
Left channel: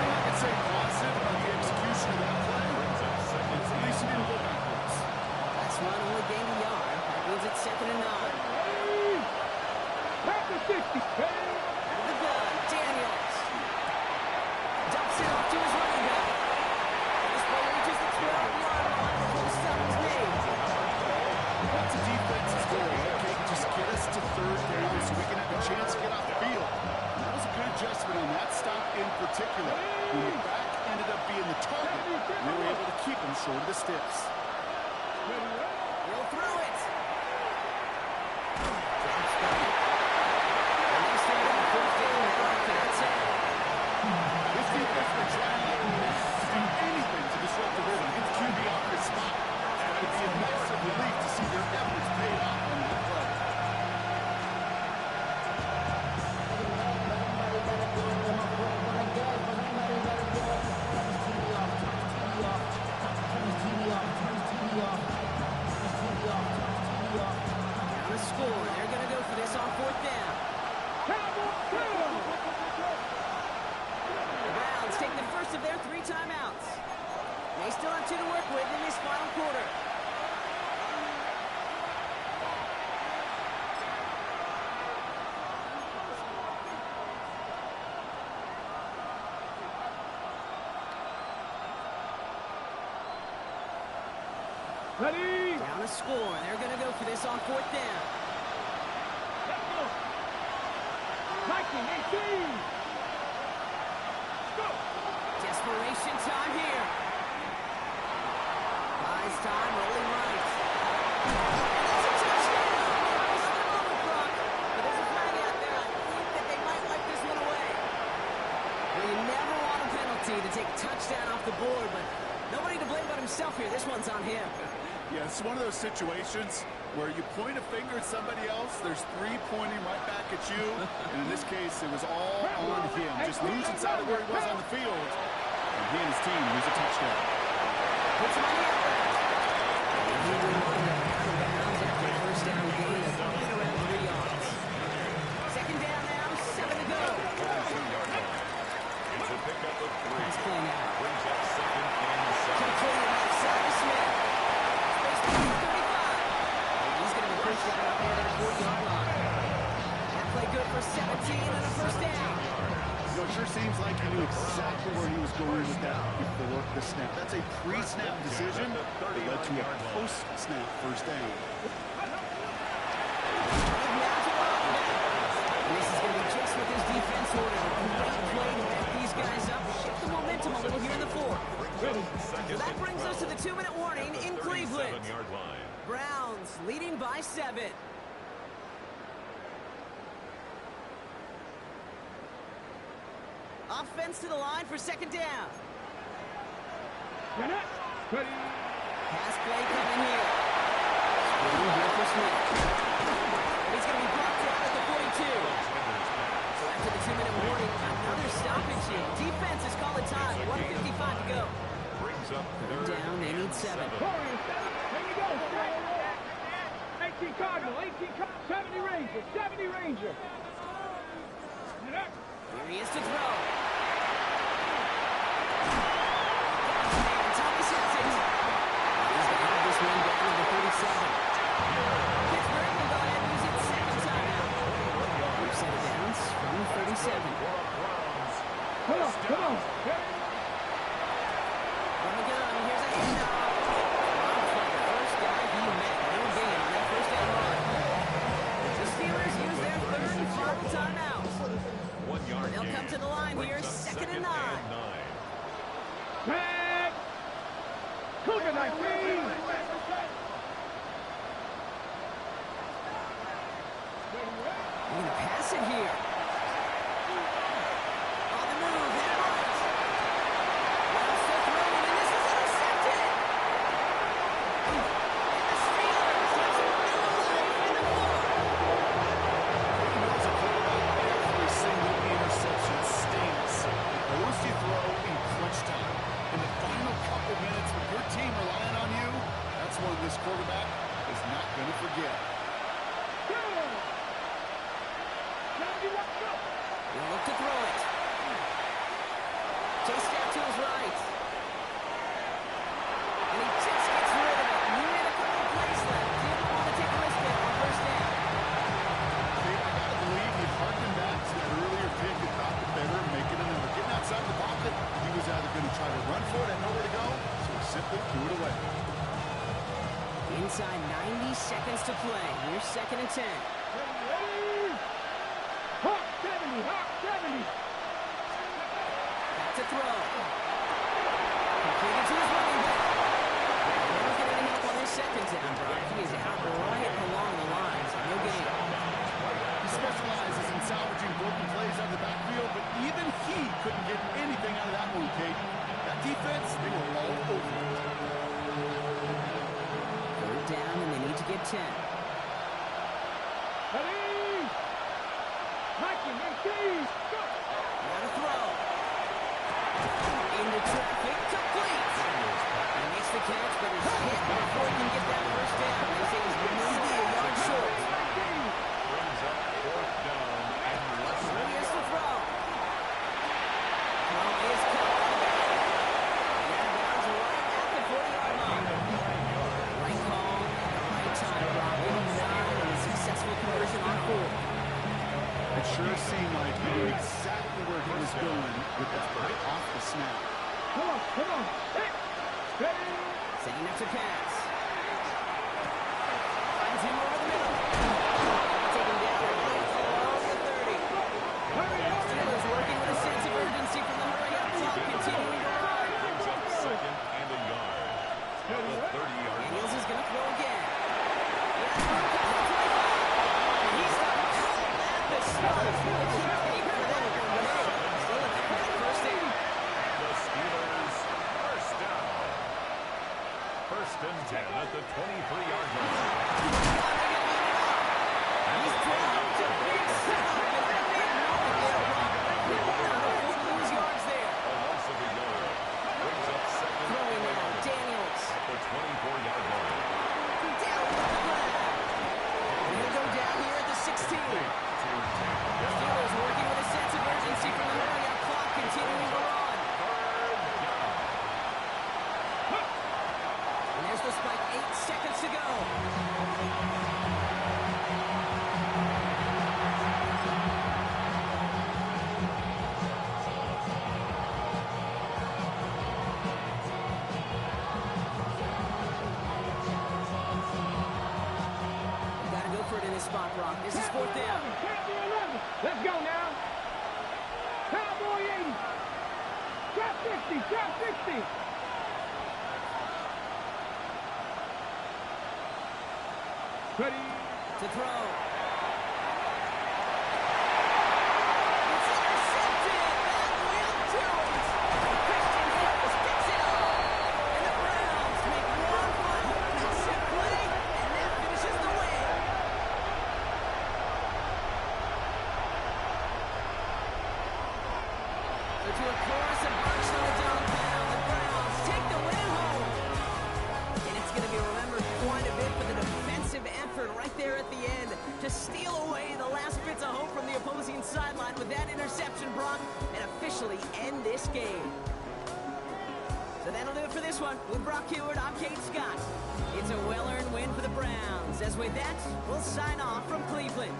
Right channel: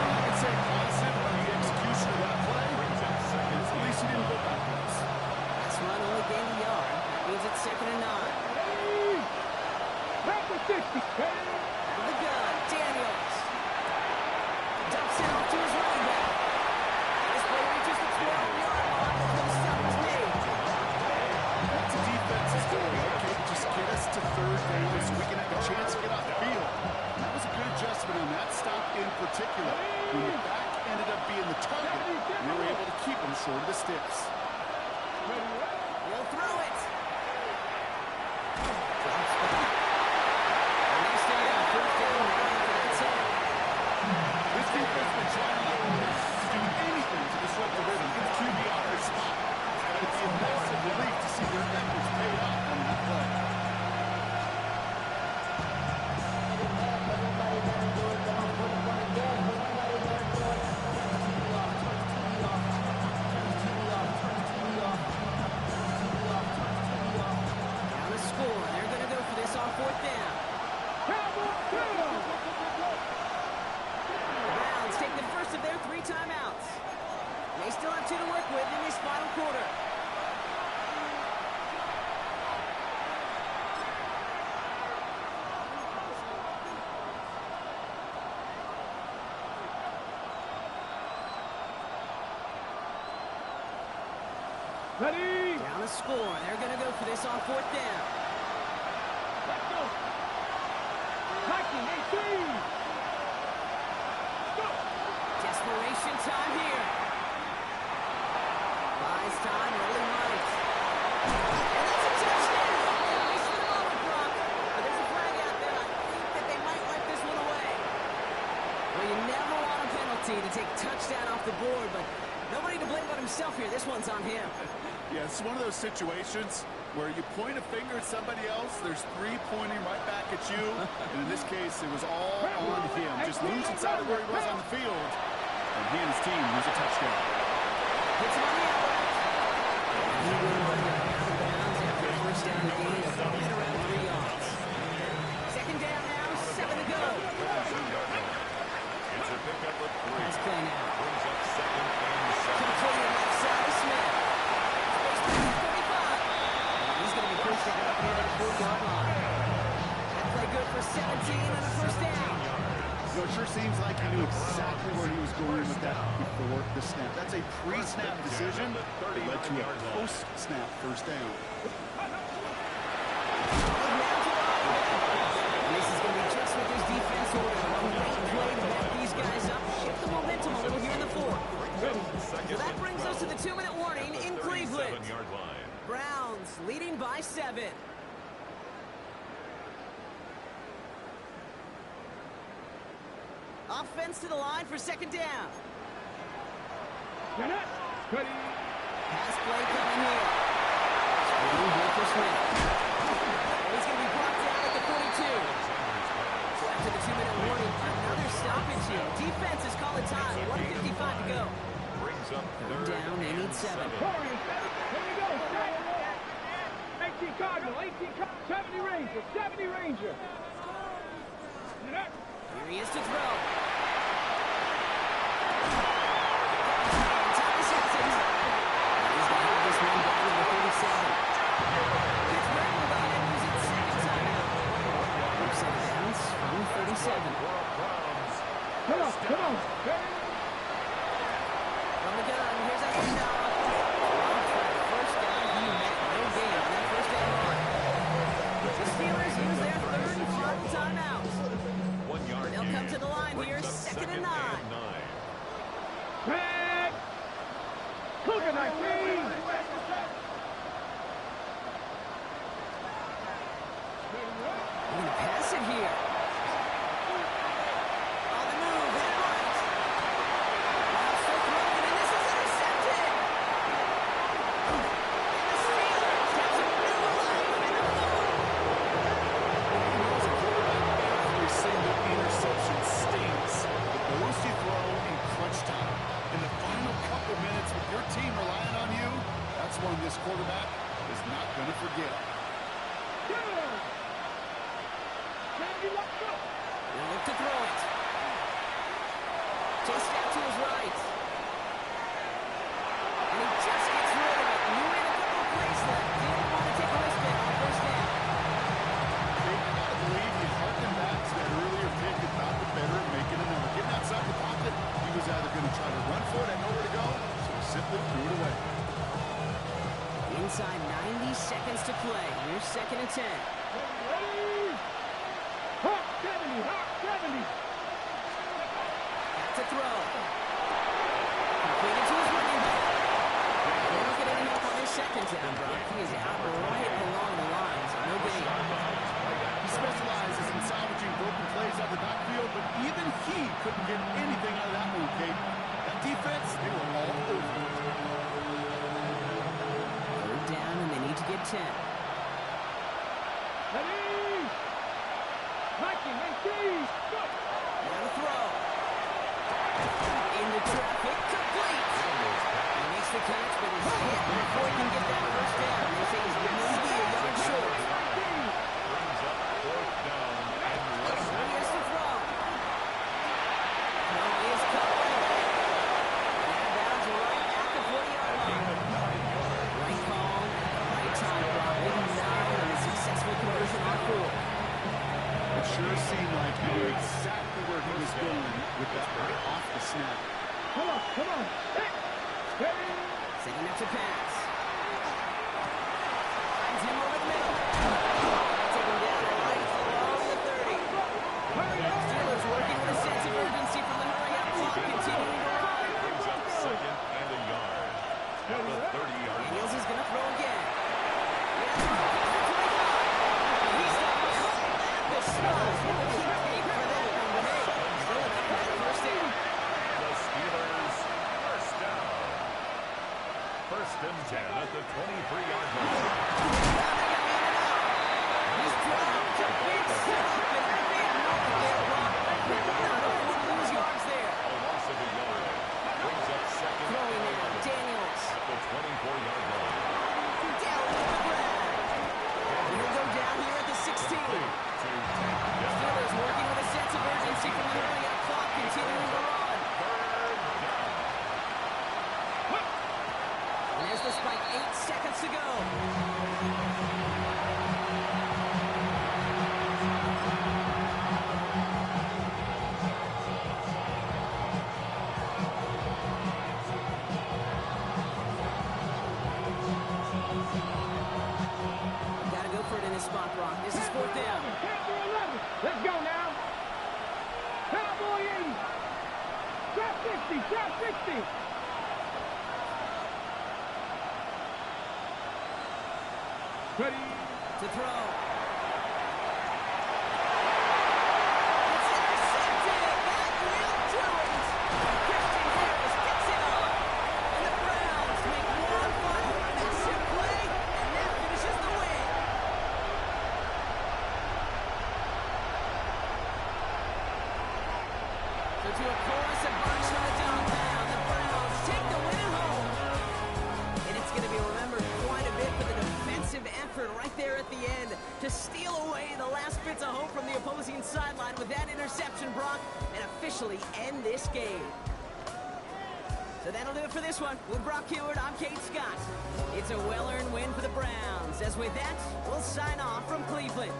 I could say positive about the execution of that play. Brings up 2nd least he didn't go backwards. Last run only gained a yard. That means it's 2nd and 9. Back to 60. Out of the gun, Daniels. Dumps it off to his running back. And this play reaches the 12-yard line before the stop is made. That's a defense's goal. Okay, just get us to 3rd down so we can have a chance to get off the field. And that was a good adjustment on that stop in particular. When the back ended up being the target, we were able to keep him short of the sticks. He'll throw it. Drops back. And they stay on 4th down now after that sack. This defense has been trying like mad to do anything to disrupt the rhythm. Get the QB off his spot. It's got to be a massive relief to see their efforts paid off on that play. Down to score, and they're going to go for this on 4th down. The Browns take the first of their 3 timeouts. They still have 2 to work with in this final quarter. Ready? Down to score, and they're going to go for this on 4th down. Let's go. 19, 18. Go. Desperation time here. Buys time, rolling right. And that's a touchdown. Nice for the moment, Brock. But there's a flag out there. I think that they might wipe this one away. Well, you never want a penalty to take a touchdown off the board, but nobody to blame but himself here. This one's on him. Yeah, it's one of those situations where you point a finger at somebody else, there's 3 pointing right back at you, and in this case, it was all on him. Just losing sight of where he was on the field, and he and his team lose a touchdown. Hits him on the outright. And he will wind up out of bounds after a first down gain of right around 3 yards. 2nd down now, 7 to go. It's a pickup of 3. Nice play now. Brings up 2nd and 7. Completed left side of Smith. Space between 35. And he's going to be pushed out up near that 40-yard line. That play good for 17 and a first down. You know, it sure seems like he knew exactly where he was going with that before the snap. That's a pre-snap decision that led to a post-snap first down. And this is going to be just what this defense ordered. A great play to back these guys up, shift the momentum a little here in the 4th. So that brings us to the 2-minute warning in Cleveland. Browns leading by 7. Offense to the line for 2nd down. Ready? Pass play coming here. Screen here for Smith. And he's going to be brought down at the 42. So after the 2-minute warning, another stoppage here. Defense is calling time. 1:55 to go. Brings up 3rd down, they need 7. Warriors, here we go. 18 Cardinal, 18 Cardinal, 70 Ranger, 70 Ranger. Here he is to throw. And Thomas hits it. And he's going to have this one down to the 37. Pittsburgh will go ahead and use its 2nd timeout. We've set it down from the 37. Come on. From the gun, here's a handoff. Dropped by the first guy he met. No gain on that first down run. The Steelers use their 3rd and final timeout. 1 yard. They'll come to the line here, 2nd and 9. Back. Cougar 19. They're going to pass it here. On the move, hit right. Now still throwing, and this is intercepted. And the Steelers have some new life in the 4th. As a quarterback, every single interception stings. But those you throw in clutch time. In the final couple minutes with your team relying on you, that's one this quarterback is not going to forget. He'll look to throw it. Chased out to his right. And he just gets rid of it. He made a couple of plays left. Didn't want to take a risk there on first down. I gotta believe he harkened back to that earlier pick and thought the better of making another. Getting outside the pocket, he was either going to try to run for it and nowhere to go, so he simply threw it away. Inside 90 seconds to play. Here's 2nd and 10. Ready? Hawk 70, Hawk 70. Back to throw. Completed to his running back. And they don't get any help on this 2nd down, Brock. He is out right along the line, so no gain. He specializes in salvaging broken plays out of the backfield, but even he couldn't get anything out of that one, Kate. That defense, they were all over it. 3rd down, and they need to get 10. Ready? Mikey, 18. Go. Now to throw. Into traffic, complete. He makes the catch, but is hit before he can get that first down. They say he's maybe a yard short. Brings up 4th down and less than Here's the throw. Throw is caught by the back. And out of bounds right at the 40-yard line. 9 yards. Right call at the right time, Brock. Give him 9 and a successful conversion on 4. It sure seemed like he knew exactly where he was going with that right off the snap. Come on, come on. Hey. Ready? Setting up to pass. Finds him over the middle. Taken down right along the 30. Steelers working with a sense of urgency from the hurry-up clock, continuing to run. Brings up 2nd and a yard. At the 30-yard line. Daniels is going to throw again. Yeah, throw past the 25. And he's not caught at the snub. He will keep paying for that one, but hey, still enough for that first down. The Steelers first down. 1st and 10 at the 23-yard line. Now they're going to hand it off. He's dropped a big setup, and that made nothing there, Brock. They will not afford to lose yards there. A loss of a yard. Brings up 2nd Throwing and now, 11 Daniels. at the 24-yard line. Down with the grab. He'll go down here at the 16. To take down. Steelers working with a sense of urgency from the hurry-up clock, continuing to run. 3rd down. And there's the spike, 8 seconds to go. Got to go for it in this spot, Brock. This is 4th down. Cowboy 11. Let's go now. Cowboy 80. Drop 60. Drop 60. Ready? To throw. It's intercepted. That will do it. Christian Harris picks it up. And the Browns make one final massive play, and that finishes the win. So to a chorus of bunch from the downtown, the Browns take the win at home. And it's going to be remembered quite a bit for the defensive effort right there at the end to steal away the last bits of hope from the opposing sideline with that interception, Brock, and officially end this game. So that'll do it for this one. With Brock Heward, I'm Kate Scott. It's a well-earned win for the Browns. As with that, we'll sign off from Cleveland.